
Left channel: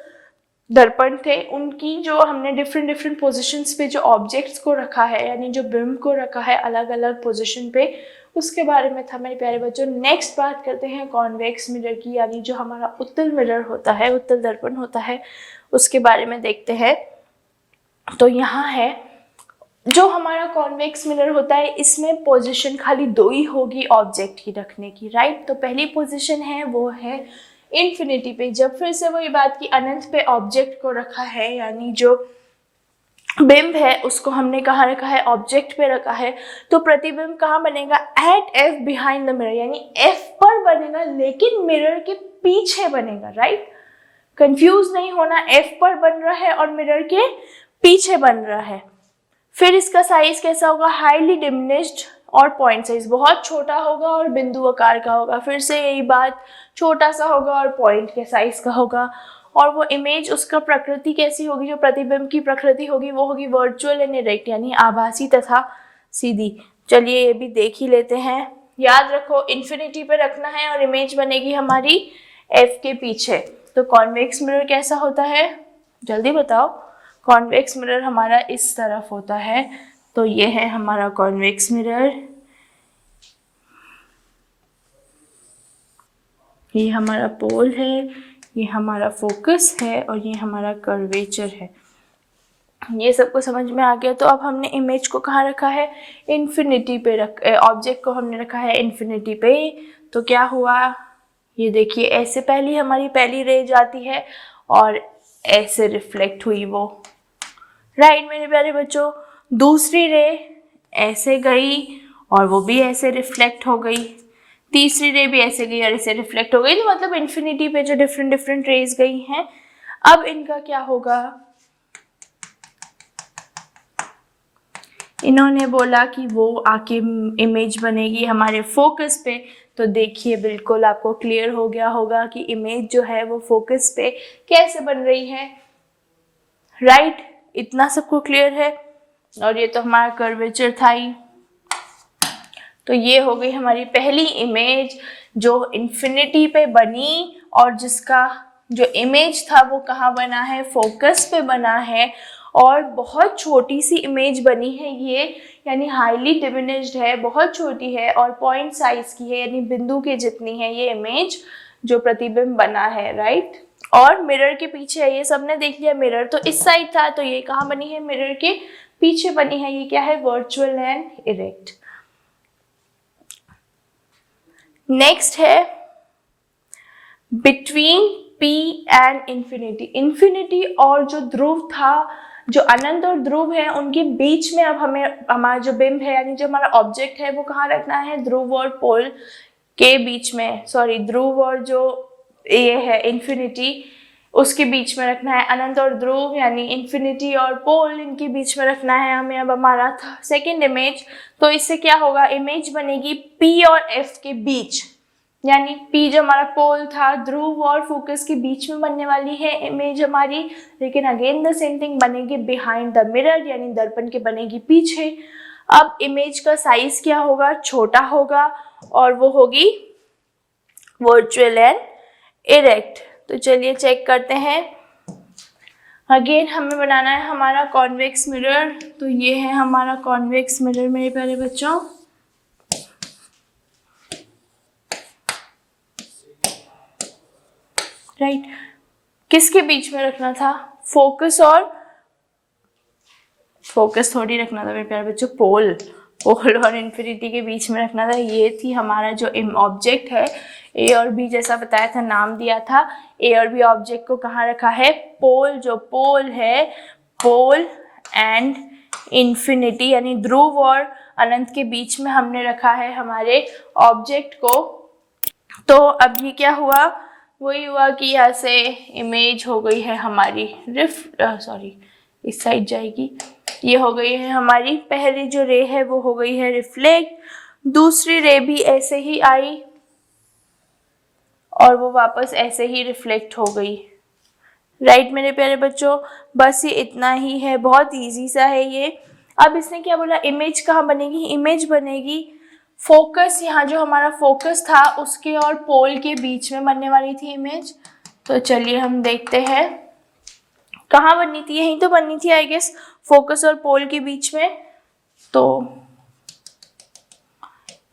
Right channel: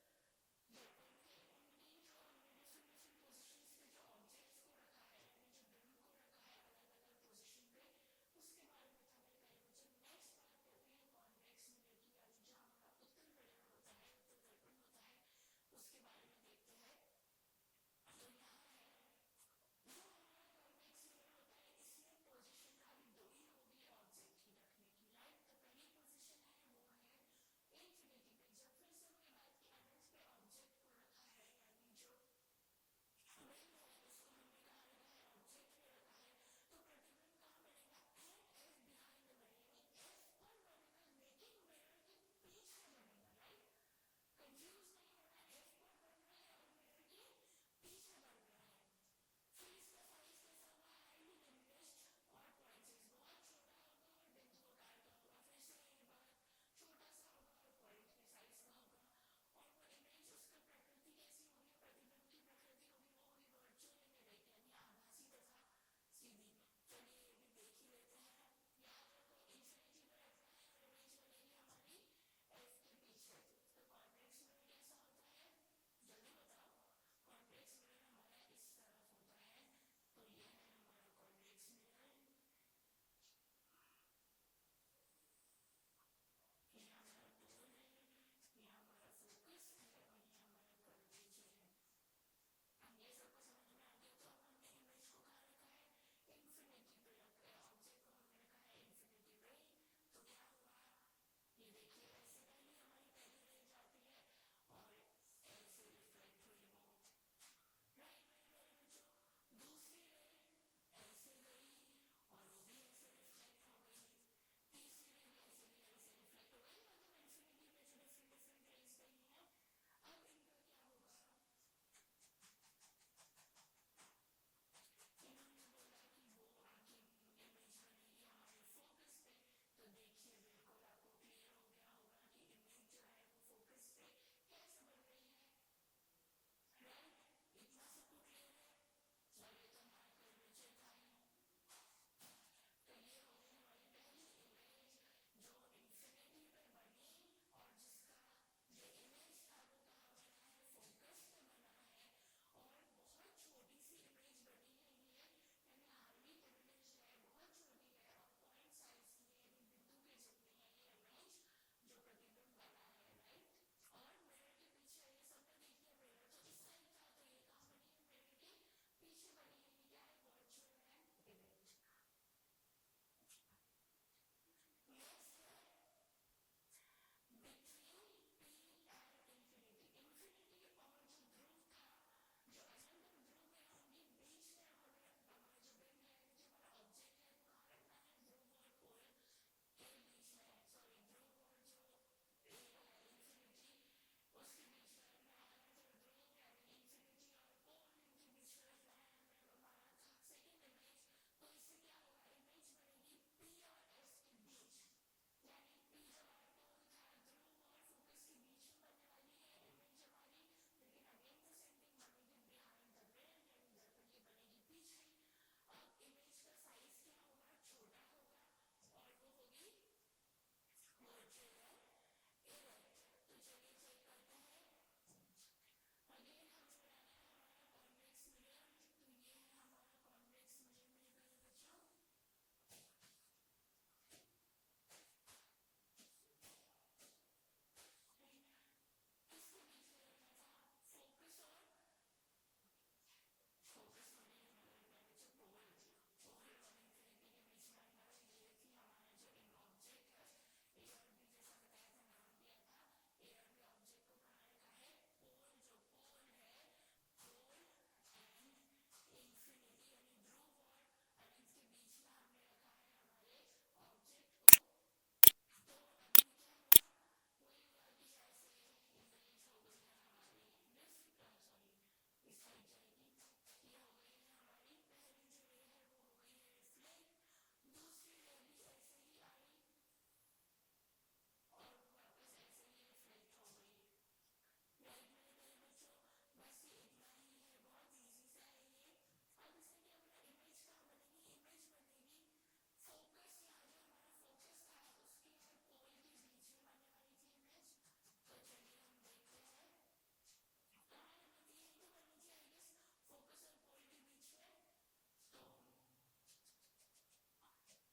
दर्पण थे, उनकी जो हमने डिफरेंट पोजीशंस पे जो ऑब्जेक्ट्स को रखा है यानी जो बिंब को रखा है अलग अलग पोजीशन पे, उसके बारे में था मेरे प्यारे बच्चों। नेक्स्ट बात करते हैं कॉन्वेक्स मिरर की, यानी जो हमारा उत्तल मिरर होता है, उत्तल दर्पण होता है, उसके बारे में देखते हैं। तो यहाँ है जो हमारा कॉन्वेक्स मिरर होता है, इसमें पोजीशन खाली दो ही होगी ऑब्जेक्ट की रखने की, राइट। तो पहली पोजीशन है वो है इन्फिनिटी पे। जब फिर से वही बात की अनंत पे ऑब्जेक्ट को रखा है, यानी जो बिंब है उसको हमने कहाँ रखा है, ऑब्जेक्ट पे रखा है, तो प्रतिबिंब कहाँ बनेगा, at F behind the mirror, यानी एफ पर बनेगा लेकिन मिरर के पीछे बनेगा, राइट। कंफ्यूज नहीं होना, एफ पर बन रहा है और मिरर के पीछे बन रहा है। फिर इसका साइज कैसा होगा, हाईली डिमिनिश्ड, और पॉइंट साइज बहुत छोटा होगा और बिंदु आकार का होगा। फिर से यही बात, छोटा सा होगा और पॉइंट के साइज का होगा। और वो इमेज, उसका प्रकृति कैसी होगी, जो प्रतिबिंब की प्रकृति होगी वो होगी वर्चुअल एंड इरेक्ट, यानी आभासी तथा सीधी। चलिए ये भी देख ही लेते हैं। याद रखो इन्फिनिटी पे रखना है और इमेज बनेगी हमारी एफ के पीछे। तो कॉन्वेक्स मिरर कैसा होता है, जल्दी बताओ। कॉन्वेक्स मिरर हमारा इस तरफ होता है। तो ये है हमारा कॉन्वेक्स मिरर, ये हमारा पोल है, ये हमारा फोकस है, और ये हमारा कर्वेचर है। ये सबको समझ में आ गया। तो अब हमने इमेज को कहाँ रखा है, इन्फिनिटी पे ऑब्जेक्ट को हमने रखा है इन्फिनिटी पे। तो क्या हुआ, ये देखिए ऐसे पहली हमारी पहली रे जाती है और ऐसे रिफ्लेक्ट हुई वो, राइट मेरे प्यारे बच्चों। दूसरी रे ऐसे गई और वो भी ऐसे रिफ्लेक्ट हो गई, तीसरी रे भी ऐसे गई और ऐसे रिफ्लेक्ट हो गई। तो मतलब इन्फिनिटी पे जो डिफरेंट रेज गई हैं, अब इनका क्या होगा, इन्होंने बोला कि वो आके इमेज बनेगी हमारे फोकस पे। तो देखिए बिल्कुल आपको क्लियर हो गया होगा कि इमेज जो है वो फोकस पे कैसे बन रही है, राइट। इतना सबको क्लियर है। और ये तो हमारा कर्वेचर था ही। तो ये हो गई हमारी पहली इमेज जो इन्फिनिटी पे बनी, और जिसका जो इमेज था वो कहाँ बना है, फोकस पे बना है। और बहुत छोटी सी इमेज बनी है ये, यानी हाईली डिमिनिश्ड है, बहुत छोटी है और पॉइंट साइज की है, यानी बिंदु के जितनी है ये इमेज जो प्रतिबिंब बना है, राइट। और मिरर के पीछे है, ये सबने देख लिया। मिरर तो इस साइड था, तो ये कहाँ बनी है, मिरर के पीछे बनी है। ये क्या है, वर्चुअल एंड इरेक्ट। नेक्स्ट है between P and infinity. Infinity और जो ध्रुव था, जो अनंत और ध्रुव है, उनके बीच में अब हमें हमारा जो बिंब है यानी जो हमारा ऑब्जेक्ट है वो कहाँ रखना है, ध्रुव और पोल के बीच में, सॉरी ध्रुव और जो ये है इन्फिनिटी उसके बीच में रखना है। अनंत और ध्रुव यानी इन्फिनिटी और पोल, इनके बीच में रखना है हमें अब हमारा सेकेंड इमेज। तो इससे क्या होगा, इमेज बनेगी P और F के बीच, यानी P जो हमारा पोल था, ध्रुव और फोकस के बीच में बनने वाली है इमेज हमारी। लेकिन अगेन द सेम थिंग बनेगी बिहाइंड द मिरर, यानी दर्पण के बनेगी पीछे। अब इमेज का साइज क्या होगा, छोटा होगा, और वो होगी वर्चुअल एंड इरेक्ट। तो चलिए चेक करते हैं। अगेन हमें बनाना है हमारा कॉन्वेक्स मिरर। तो ये है हमारा कॉन्वेक्स मिरर मेरे प्यारे बच्चों। राइट, किसके बीच में रखना था, फोकस और फोकस थोड़ी रखना था मेरे प्यारे बच्चों, पोल। पोल और इन्फिनिटी के बीच में रखना था। ये थी हमारा जो ऑब्जेक्ट है, ए और बी जैसा बताया था, नाम दिया था। ए और बी ऑब्जेक्ट को कहाँ रखा है? पोल, जो पोल है, पोल एंड इन्फिनिटी यानी ध्रुव और अनंत के बीच में हमने रखा है हमारे ऑब्जेक्ट को। तो अब ये क्या हुआ? वही हुआ कि यहाँ से इमेज हो गई है हमारी इस साइड जाएगी। ये हो गई है हमारी पहली जो रे है वो हो गई है रिफ्लेक्ट, दूसरी रे भी ऐसे ही आई और वो वापस ऐसे ही रिफ्लेक्ट हो गई। राइट मेरे प्यारे बच्चों, बस ये इतना ही है, बहुत इजी सा है ये। अब इसने क्या बोला? इमेज कहाँ बनेगी? इमेज बनेगी फोकस, यहाँ जो हमारा फोकस था उसके और पोल के बीच में बनने वाली थी इमेज। तो चलिए हम देखते हैं कहाँ बननी थी। यहीं तो बननी थी आई गेस, फोकस और पोल के बीच में। तो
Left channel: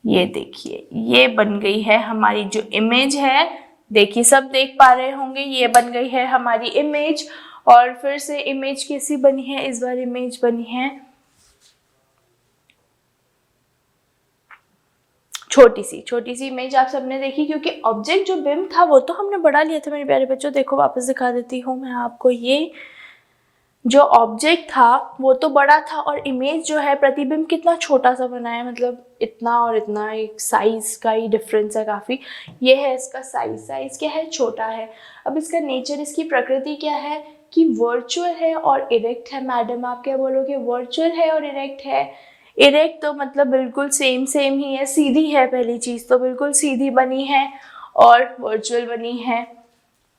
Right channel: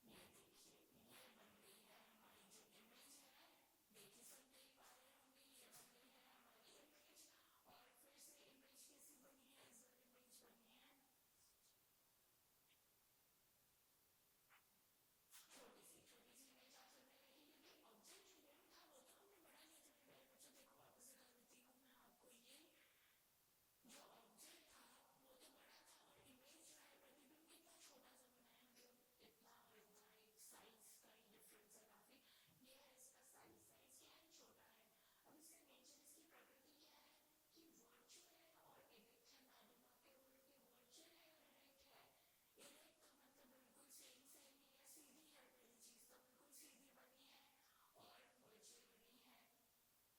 ये देखिए, ये बन गई है हमारी जो इमेज है। देखिए सब देख पा रहे होंगे, ये बन गई है हमारी इमेज। और फिर से इमेज कैसी बनी है? इस बार इमेज बनी है छोटी सी इमेज आप सबने देखी, क्योंकि ऑब्जेक्ट जो बिम्ब था वो तो हमने बड़ा लिया था मेरे प्यारे बच्चों। देखो वापस दिखा देती हूँ मैं आपको, ये जो ऑब्जेक्ट था वो तो बड़ा था और इमेज जो है, प्रतिबिंब कितना छोटा सा बना है, मतलब इतना और इतना, एक साइज का ही डिफरेंस है काफ़ी। ये है इसका साइज क्या है? छोटा है। अब इसका नेचर, इसकी प्रकृति क्या है कि वर्चुअल है और इरेक्ट है। मैडम आप क्या बोलोगे? वर्चुअल है और इरेक्ट है। इरेक्ट तो मतलब बिल्कुल सेम ही है, सीधी है, पहली चीज़ तो बिल्कुल सीधी बनी है और वर्चुअल बनी है।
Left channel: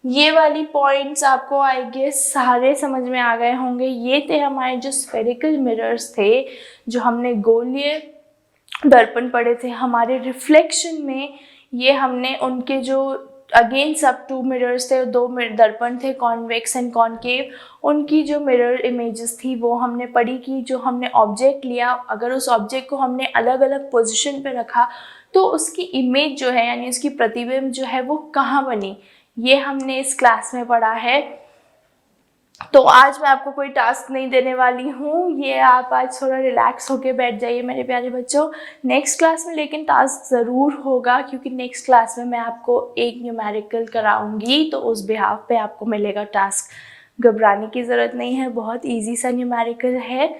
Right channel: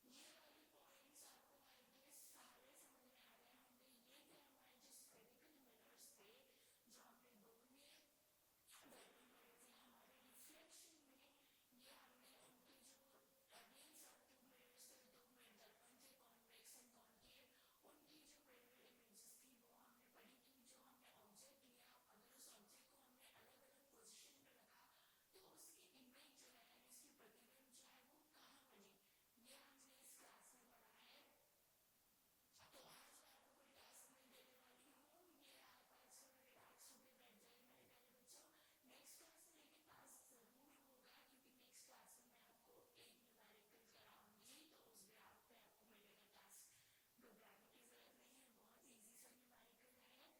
ये वाली पॉइंट्स आपको आई गेस सारे समझ में आ गए होंगे। ये थे हमारे जो स्फेरिकल मिरर्स थे, जो हमने गोलीय दर्पण पढ़े थे हमारे रिफ्लेक्शन में। ये हमने उनके जो अगेन सब 2 मिरर्स थे, 2 दर्पण थे, कॉन्वेक्स एंड कॉनकेव, उनकी जो मिरर इमेजेस थी वो हमने पढ़ी कि जो हमने ऑब्जेक्ट लिया, अगर उस ऑब्जेक्ट को हमने अलग अलग पोजिशन पे रखा तो उसकी इमेज जो है यानी उसकी प्रतिबिंब जो है वो कहाँ बनी, ये हमने इस क्लास में पढ़ा है। तो आज मैं आपको कोई टास्क नहीं देने वाली हूँ, ये आप आज थोड़ा रिलैक्स होके बैठ जाइए मेरे प्यारे बच्चों। नेक्स्ट क्लास में लेकिन टास्क ज़रूर होगा, क्योंकि नेक्स्ट क्लास में मैं आपको एक न्यूमेरिकल कराऊंगी, तो उस बिहाफ पे आपको मिलेगा टास्क। घबराने की ज़रूरत नहीं है, बहुत ईजी सा न्यूमेरिकल है।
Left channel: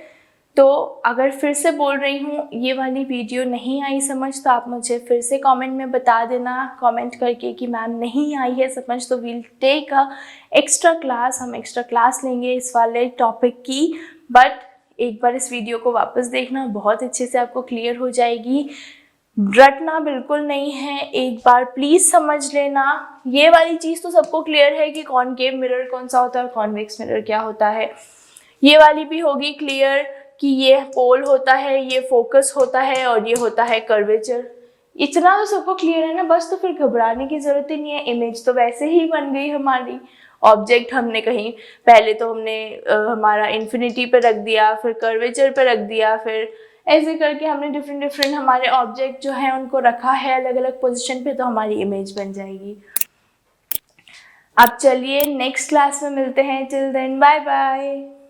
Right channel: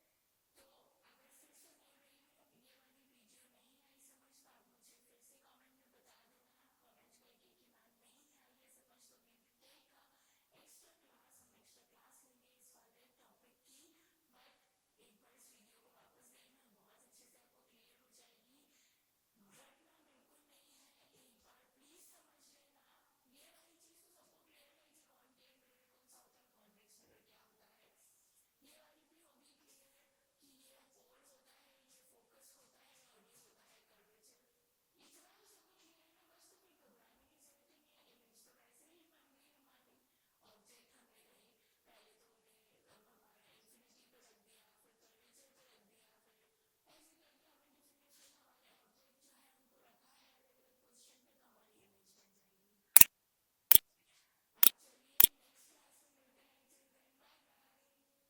तो अगर फिर से बोल रही हूँ ये वाली वीडियो नहीं आई समझ, तो आप मुझे फिर से कमेंट में बता देना, कमेंट करके कि मैम नहीं आई है समझ, तो we'll take a extra class, हम एक्स्ट्रा क्लास लेंगे इस वाले टॉपिक की। बट एक बार इस वीडियो को वापस देखना, बहुत अच्छे से आपको क्लियर हो जाएगी। रटना बिल्कुल नहीं है, एक बार प्लीज़ समझ लेना। ये वाली चीज़ तो सबको क्लियर है कि कॉनकेव मिरर कौन सा होता है और कॉन्वेक्स मिरर क्या होता है। ये वाली भी होगी क्लियर कि ये पोल होता है, ये फोकस होता है और ये होता है कर्वेचर। इतना तो सबको क्लियर है ना, बस तो फिर घबराने की जरूरत ही नहीं है। इमेज तो वैसे ही बन गई हमारी, ऑब्जेक्ट हमने कहीं पहले तो हमने हमारा इन्फिनिटी पे रख दिया, फिर कर्वेचर पे रख दिया, फिर ऐसे करके हमने डिफरेंट हमारे ऑब्जेक्ट जो है उनको रखा है अलग अलग पोजिशन पे, तो हमारी इमेज बन जाएगी। अब चलिए नेक्स्ट क्लास में मिलते हैं, टिल देन बाय बाय।